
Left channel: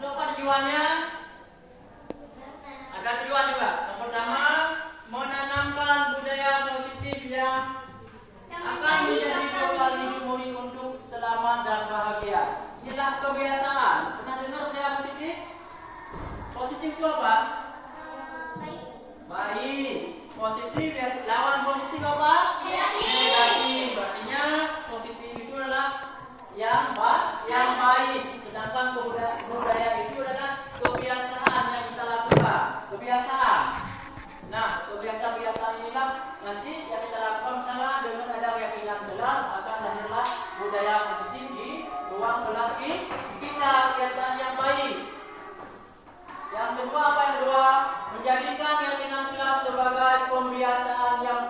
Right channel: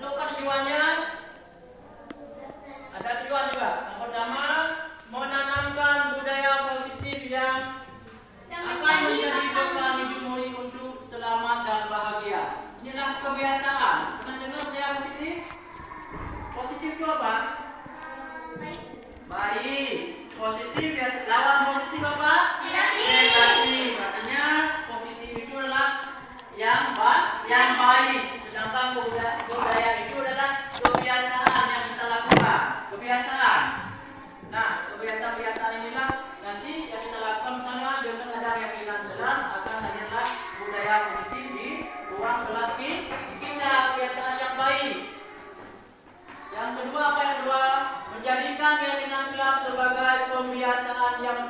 Apa tujuannya? Ada tujuan juga. Yang pertama, menanamkan budaya positif yang akan menjadi bekal hidup murid untuk selamat dan bahagia. Inilah kebiasaan. Pernah dengar budaya positif? Positif itu apa? Baik. Positif biasa. Lawan positif apa? Negatif. Artinya positif itu adalah yang baik. Sedangkan budaya itu adalah kebiasaan yang kita lakukan. Kebiasaan. Nah, kebiasaan inilah nanti yang kita lakukan misalnya dengan ada keyakinan jelas akan lahirlah budaya positif di ruang kelas kita. Kebiasaan yang baik. Yang kedua apa yang kedua? Menjadikan keyakinan kelas sebagai pembiasaan yang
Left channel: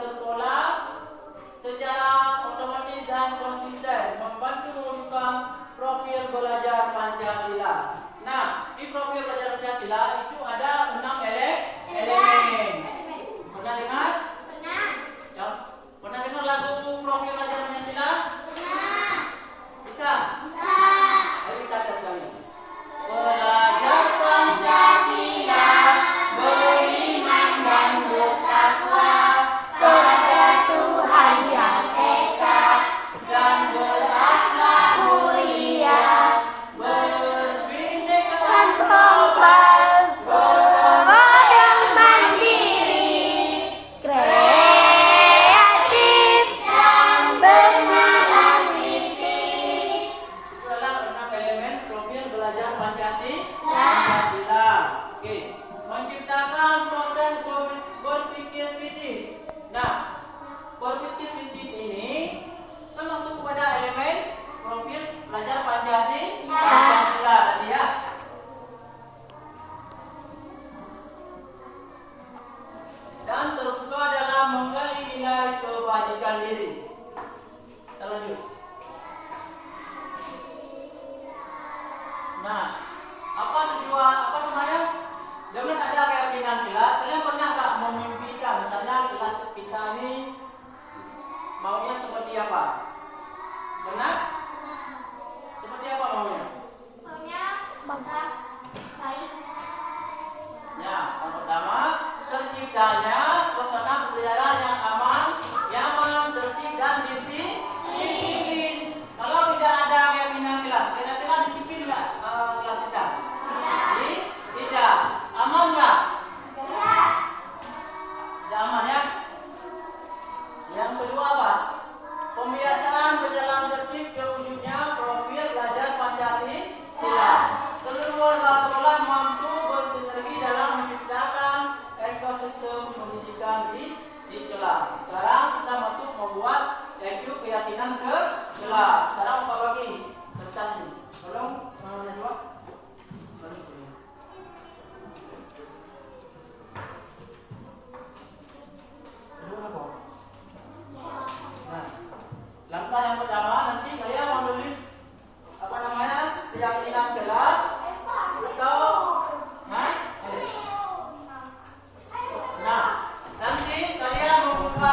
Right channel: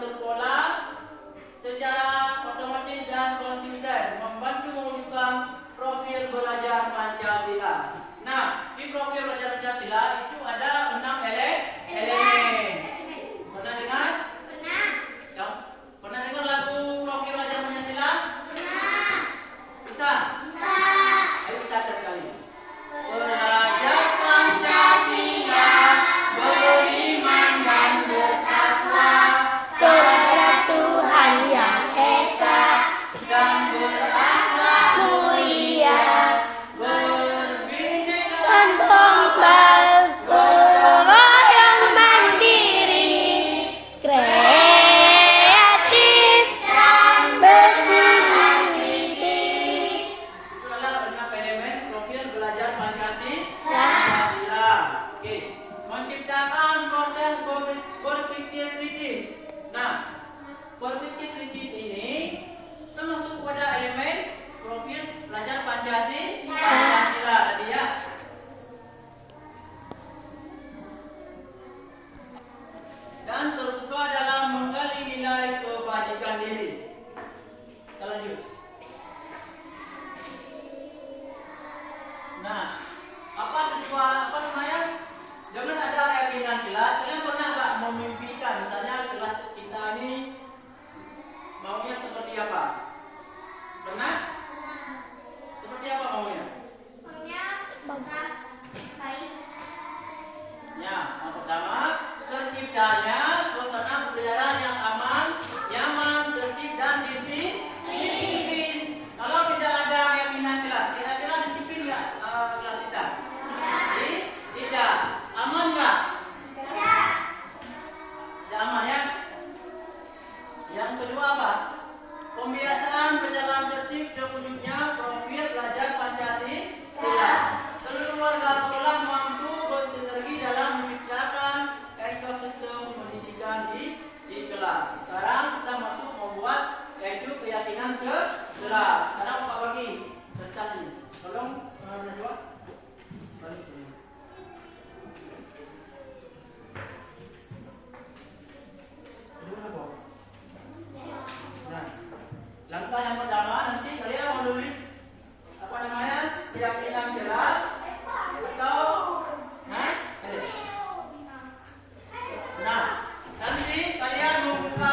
belajar Pancasila. Nah, di profil belajar Pancasila itu ada 6 elemen. Pernah dengar? Pernah. Ya. Pernah dengar lagu profil belajar Pancasila? Pernah. Bisa? Bisa. Ayo kita tes sekali. Belajar Pancasila, beriman dan bertakwa Kepada Tuhan Yang Esa dan berakhlak mulia, berbhinneka yang mandiri, kreatif dan bernalar kritis. Itu adalah 6 elemen profil belajar Pancasila. Oke, menciptakan proses berpikir kritis. Nah, berpikir kritis ini kan masuk kepada elemen profil belajar Pancasila tadi ya. Dan terbuka dalam menggali nilai kebajikan diri. Kita lanjut. Nah, apa namanya? Jangan ada keyakinan kelas. Kalian pernah nggak memimpikan, misalnya kelas kita ini maunya seperti apa? Pernah? Seperti apa maunya? Maunya bagus, baik. Ya, yang pertama terciptanya suasana pembelajaran yang aman, nyaman, tertib dan disiplin. Kalau tidak ada keyakinan kelas, kira-kira disiplin nggak kelas kita? Tidak. Aman nggak? Tidak. Tidak aman ya. Yang kedua apa? Pembiasaan berjalan tertib terwujudnya profil belajar Pancasila. Seluruh warga sekolah mampu bersinergi dalam menciptakan ekosistem pendidikan di kelas. Sekarang kita masuk membuat yaitu keyakinan ke kelas. Sekarang Pak bagi kertas ini. Tolong Najwa. Nah, langkah yang pertama nanti kalian mau nulis apa namanya keyakinan kelas atau nah nanti kalian membuka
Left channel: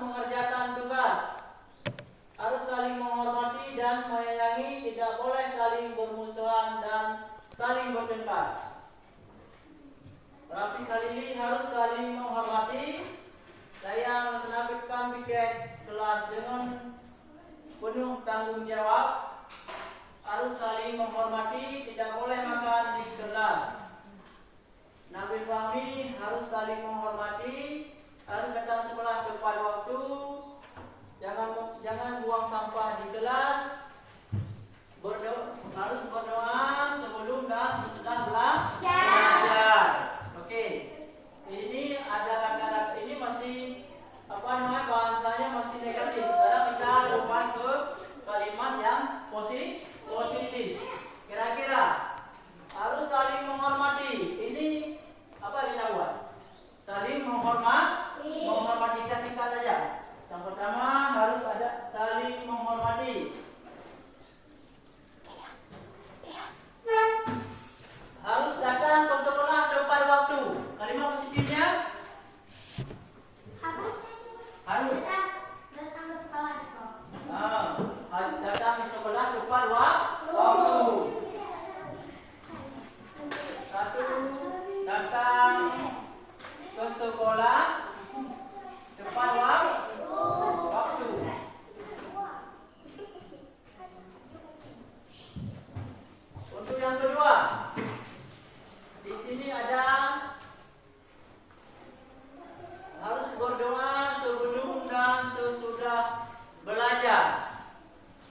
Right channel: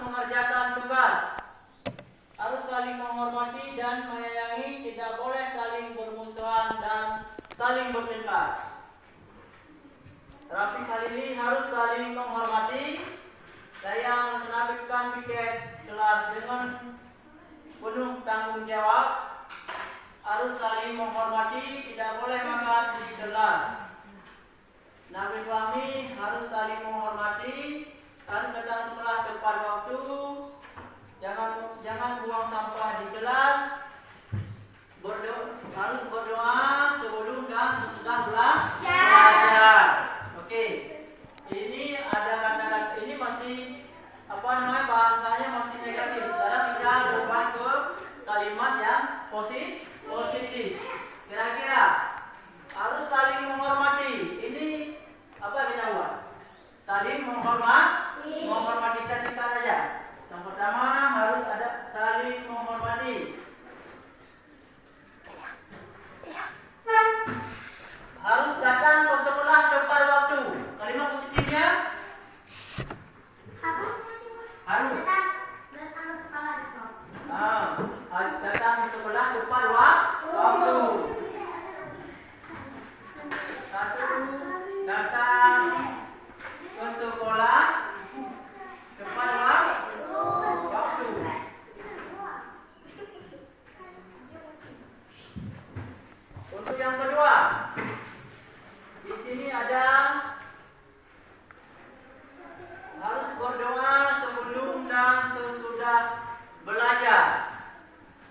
mengerjakan tugas, harus saling menghormati dan menyayangi, tidak boleh saling bermusuhan dan saling bertengkar. Terapi kali ini harus saling menghormati. Saya melaksanakan piket kelas dengan penuh tanggung jawab. Harus saling menghormati, tidak boleh makan di kelas. Nabi Fahmi harus saling menghormati, harus datang sekolah tepat waktu, jangan buang sampah di kelas, harus berdoa sebelum dan sesudah belajar. Oke, ini ada kata-kata ini masih bahasanya masih negatif. Sekarang kita ubah ke kalimat yang positif. Kira-kira harus saling menghormati. Ini apa kita buat? Saling menghormati kita singkat saja. Yang pertama harus ada saling menghormati. Harus datang ke sekolah tepat waktu. Kalimat positifnya harus datang ke sekolah tepat. Datang ke sekolah tepat waktu. Satu, datang ke sekolah tepat waktu. Untuk yang kedua, di sini ada harus berdoa sebelum dan sesudah belajar.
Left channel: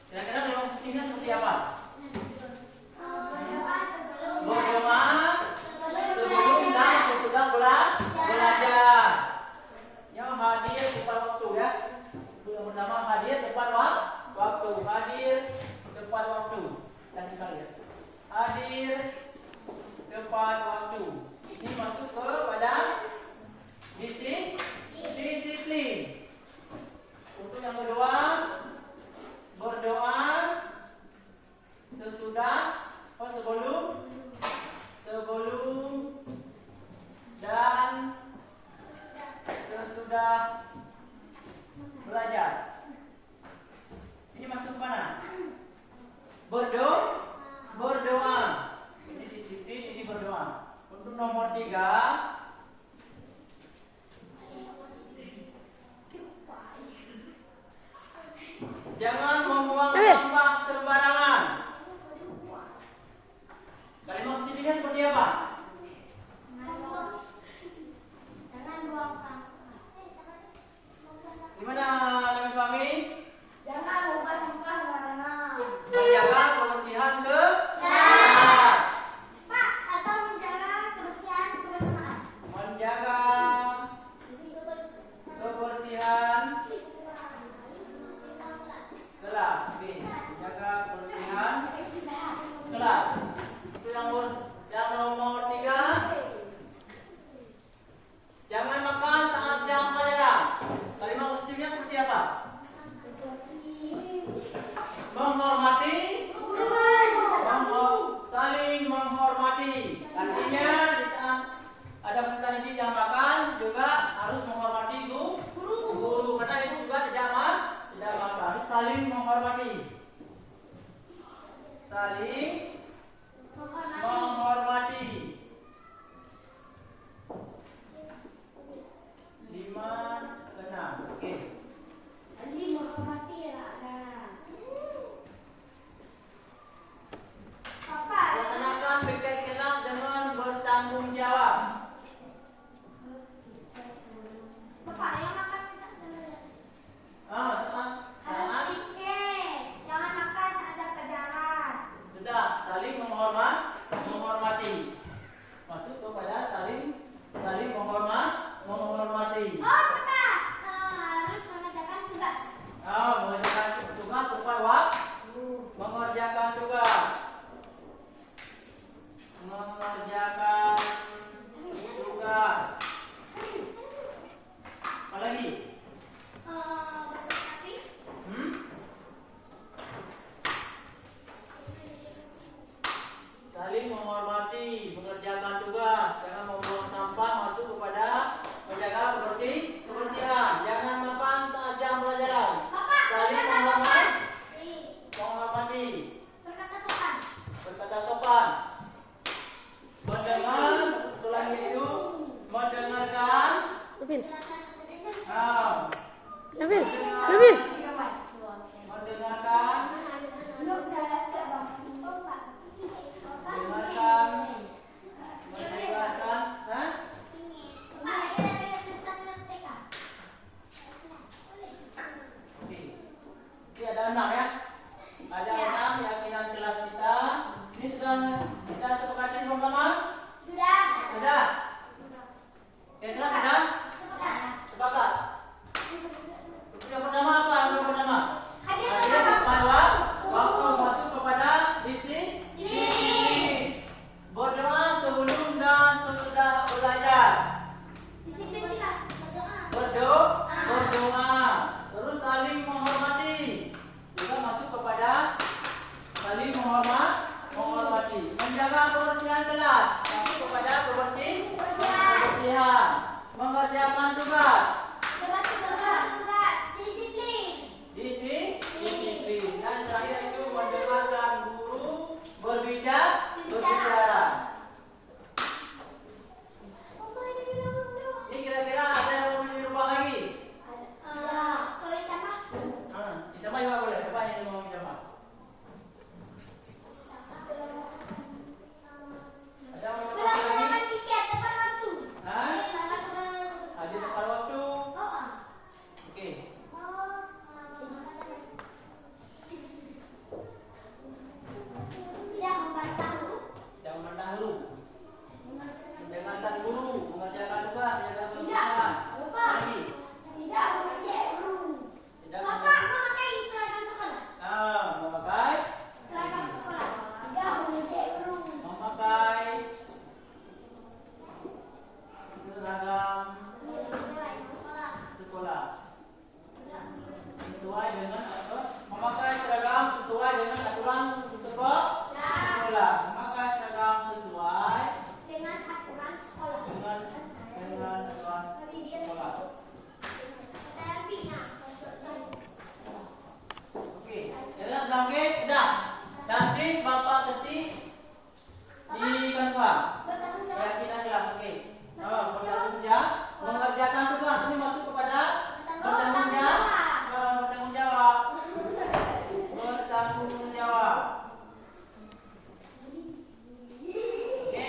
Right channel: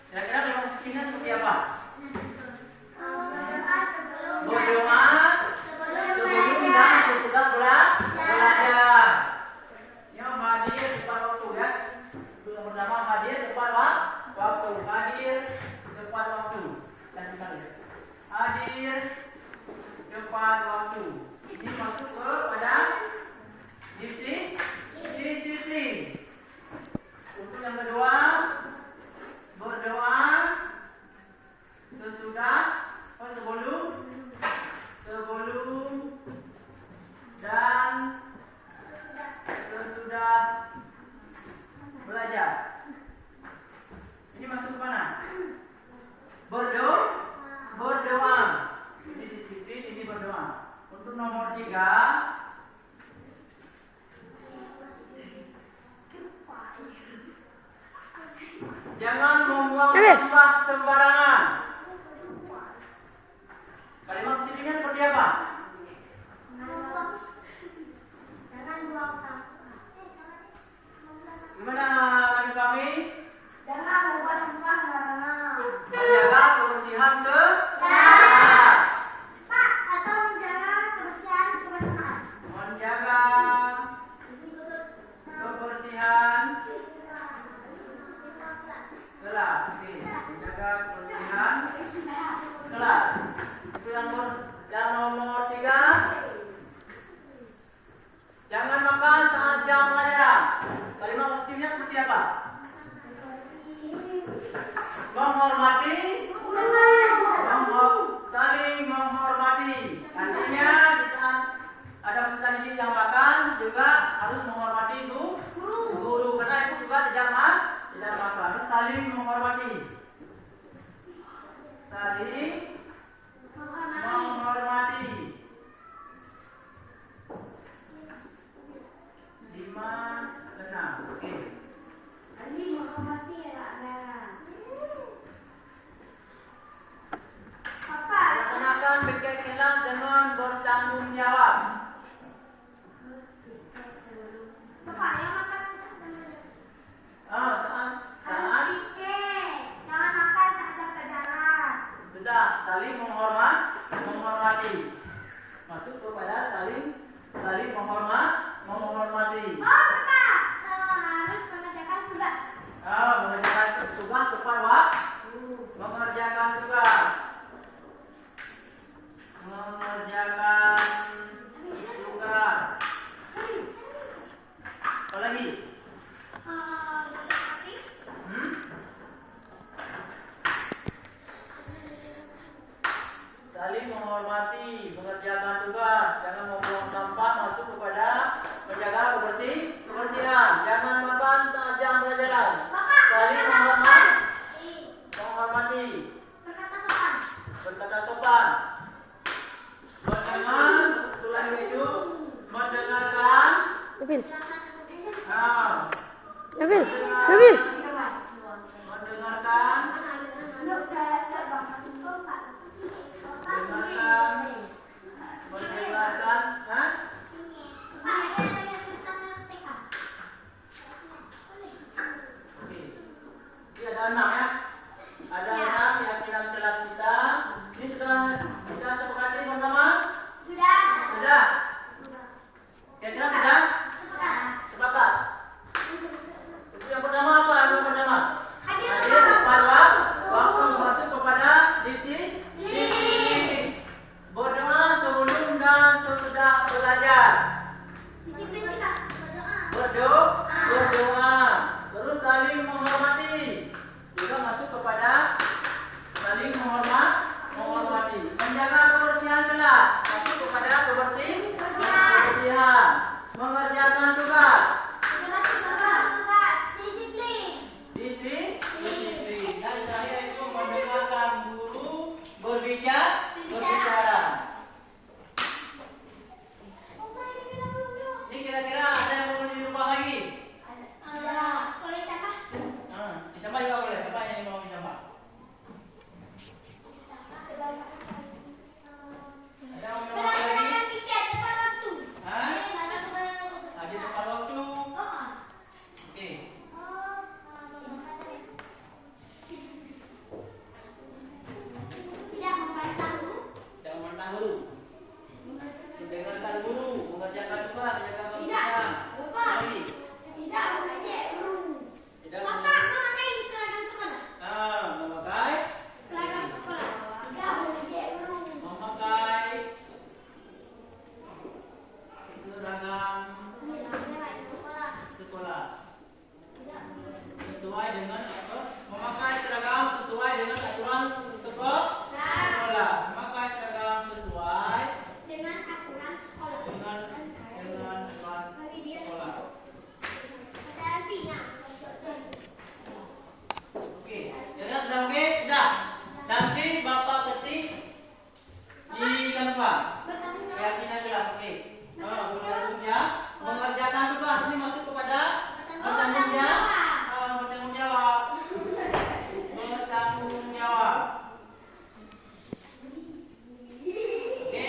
Kira-kira kalau posisinya seperti apa? Berdoa sebelum dan sesudah belajar. Yang hadir tepat waktu ya. Yang pertama hadir tepat waktu. Hadir tepat waktu. Hadir tepat waktu. Ini masuk kepada disiplin. Untuk yang kedua, berdoa sebelum dan sesudah belajar. Ini masuk ke mana? Berdoa. Ini disiplin, ini berdoa. Untuk nomor 3, jangan membuang sampah sembarangan. Kalimat positifnya seperti apa? Jangan buang sampah. Gimana Nabi Fahmi? Jangan buang sampah sembarangan. Menjaga kebersihan kelas. Pak, atau menjaga kebersihan. Menjaga kebersihan kelas. Oke, menjaga kebersihan kelas. Itu yang nomor 3. Jangan makan saat jam pelajaran. Kalimat positifnya seperti apa? Menghormati, saling menghormati. Artinya di saat ada peserta didik yang makan juga harus menghormati guru. Karena itu juga tidak makan. Harus saling menghormati. Saling menghormati. 5, 6. Oke. Saling menghormati ya, Bapak. Laksanakan piket kelas dengan bertanggung jawab. Bapak, yang makan Saat jangan makan saat jam pelajaran. sudah saling menghormati. Masuk kepada saling menghormati. Oh, Bapak, harus mengerjakan tugas. Mengerjakan tugas tepat waktu. Mengerjakan tugas. Apa lagi? Saling menghormati, mengerjakan tugas, jangan membuang sampah, masuk kepada menjaga kebersihan. Jangan makan Mendengarkan. Mendengarkan. Hah? Oke. Ini ada 6 ya. Ada 6 keyakinan kelas kita. Ini sudah kita sepakati bersama? Sudah. Keyakinan sudah? Sepakat. Yang pertama apa? Yang pertama? Hadir pada waktu masuk kepada disiplin. Berdoa sebelum dan sesudah belajar. Berdoa. Terus saling menghormati. Juga masuk kepada saling menghormati. Menjaga kebersihan kelas. Masuk kepada kebersihan. Mengerjakan tugas. Disiplin. Dan terakhir itu mendengarkan guru berbicara. Ini kira-kira ada yang mau dirubah lagi? Ditambah juga boleh. Apa yang mau ditambah? Ada yang mau ditambah lagi? Hah? Hadir tepat waktu. Oke. Tidak memandang guru. Mendengarkan guru, mengerjakan tugas, menjaga kebersihan. Lagi. Tidak memakai. Seragam sekolah. Sesuai dengan apa? Memakai seragam sesuai dengan aturan sekolah. Memakai seragam sesuai dengan aturan sekolah. Oke, jadi sudah oke? Sudah. Nanti Bapak ketik di kanva. Keyakinan kelas, oke. Mengerjakan tugas. Ini masuk kepada bertanggung jawab. Oke.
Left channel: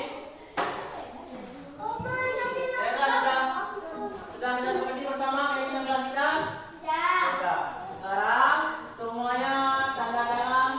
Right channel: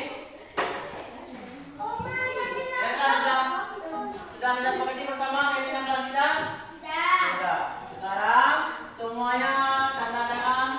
Sudah mengerti bersama keyakinan kelas kita? Coba. Sekarang semuanya tanda tangan.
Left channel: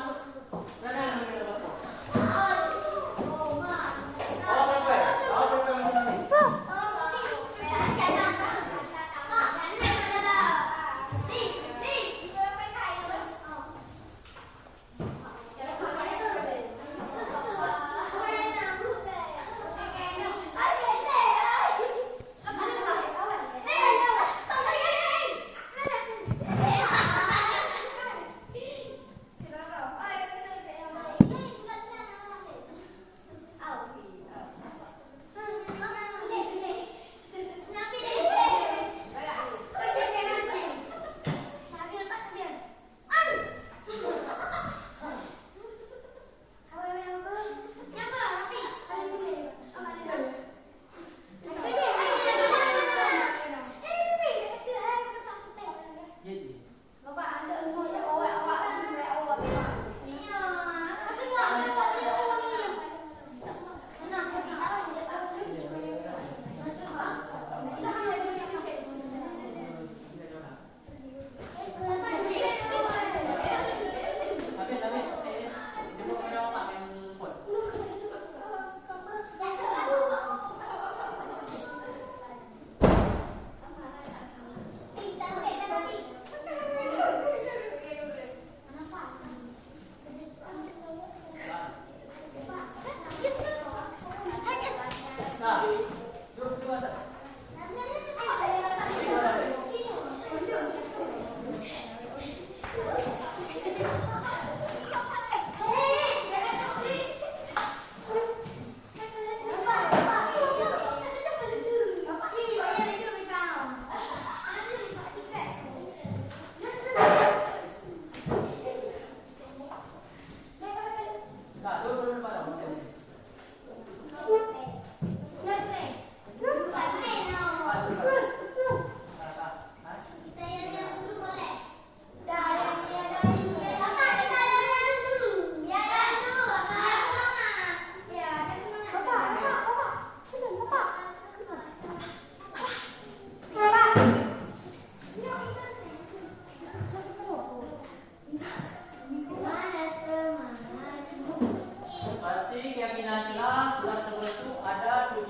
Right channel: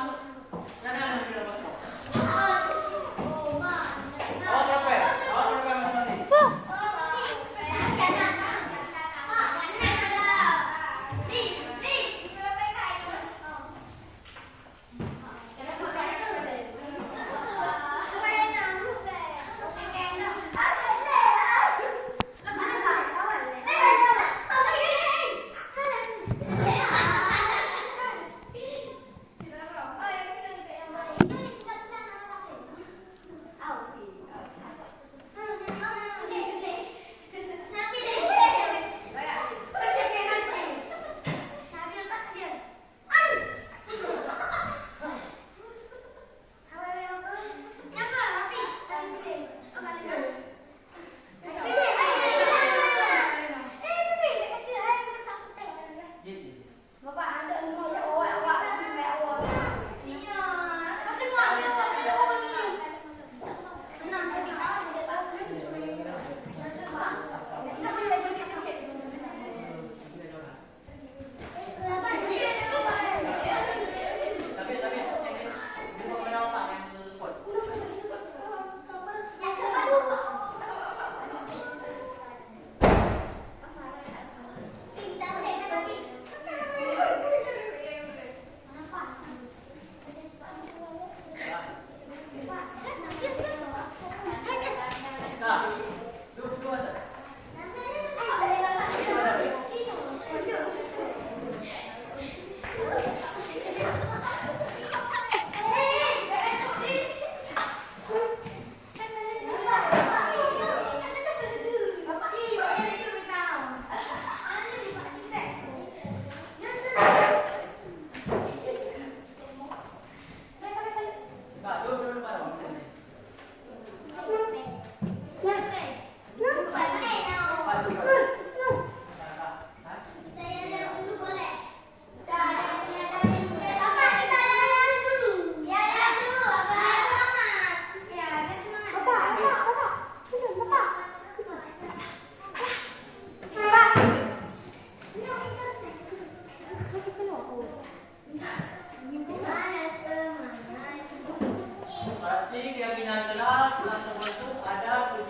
keyakinan kelas tersebut ada 7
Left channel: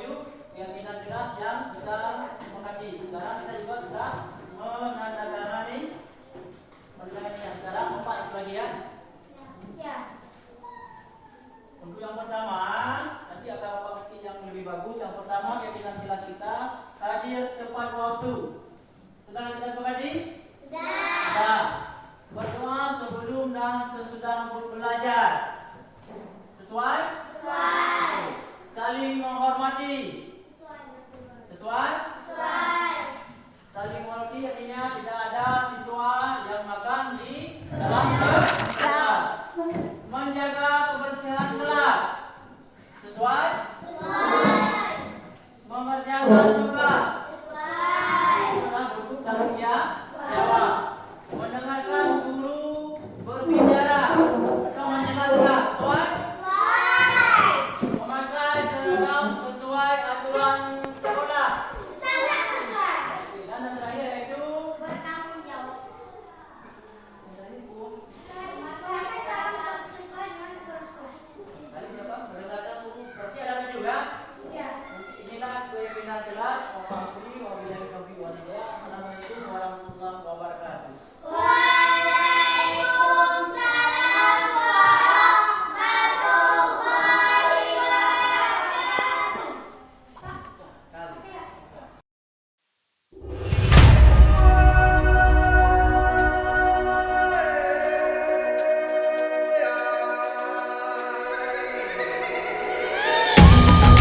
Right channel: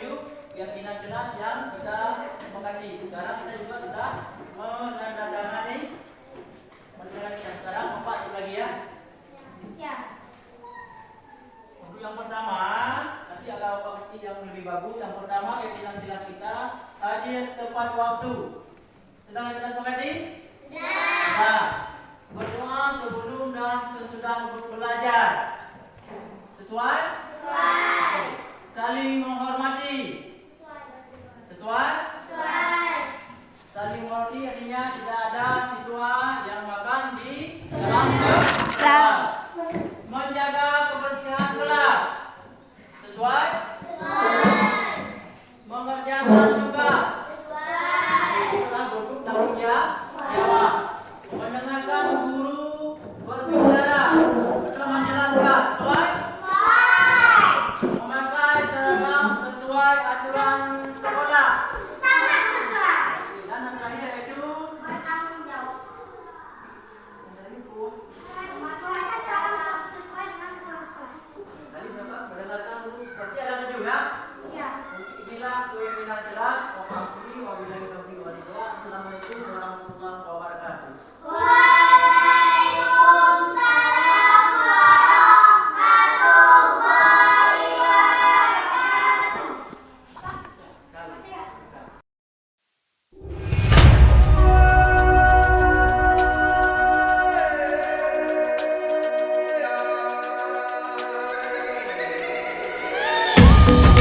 keyakinan kelas yang bisa disepakati. Sekarang kita juga sudah menandatangani yang sekarang 4 lagi ya. Ya. Untuk yang pertama, nanti agak pasti yang lebih bagus. Yang pertama keyakinan kelas kita hadir tepat waktu. Sudah kita sepakati? Sudah. Berdoa sebelum dan sesudah belajar. Sesuai? Sesuai. Saling menghormati. Sesuai? Sesuai. Saling menghormati artinya tidak ada siswa yang makan di dalam kelas. Menjaga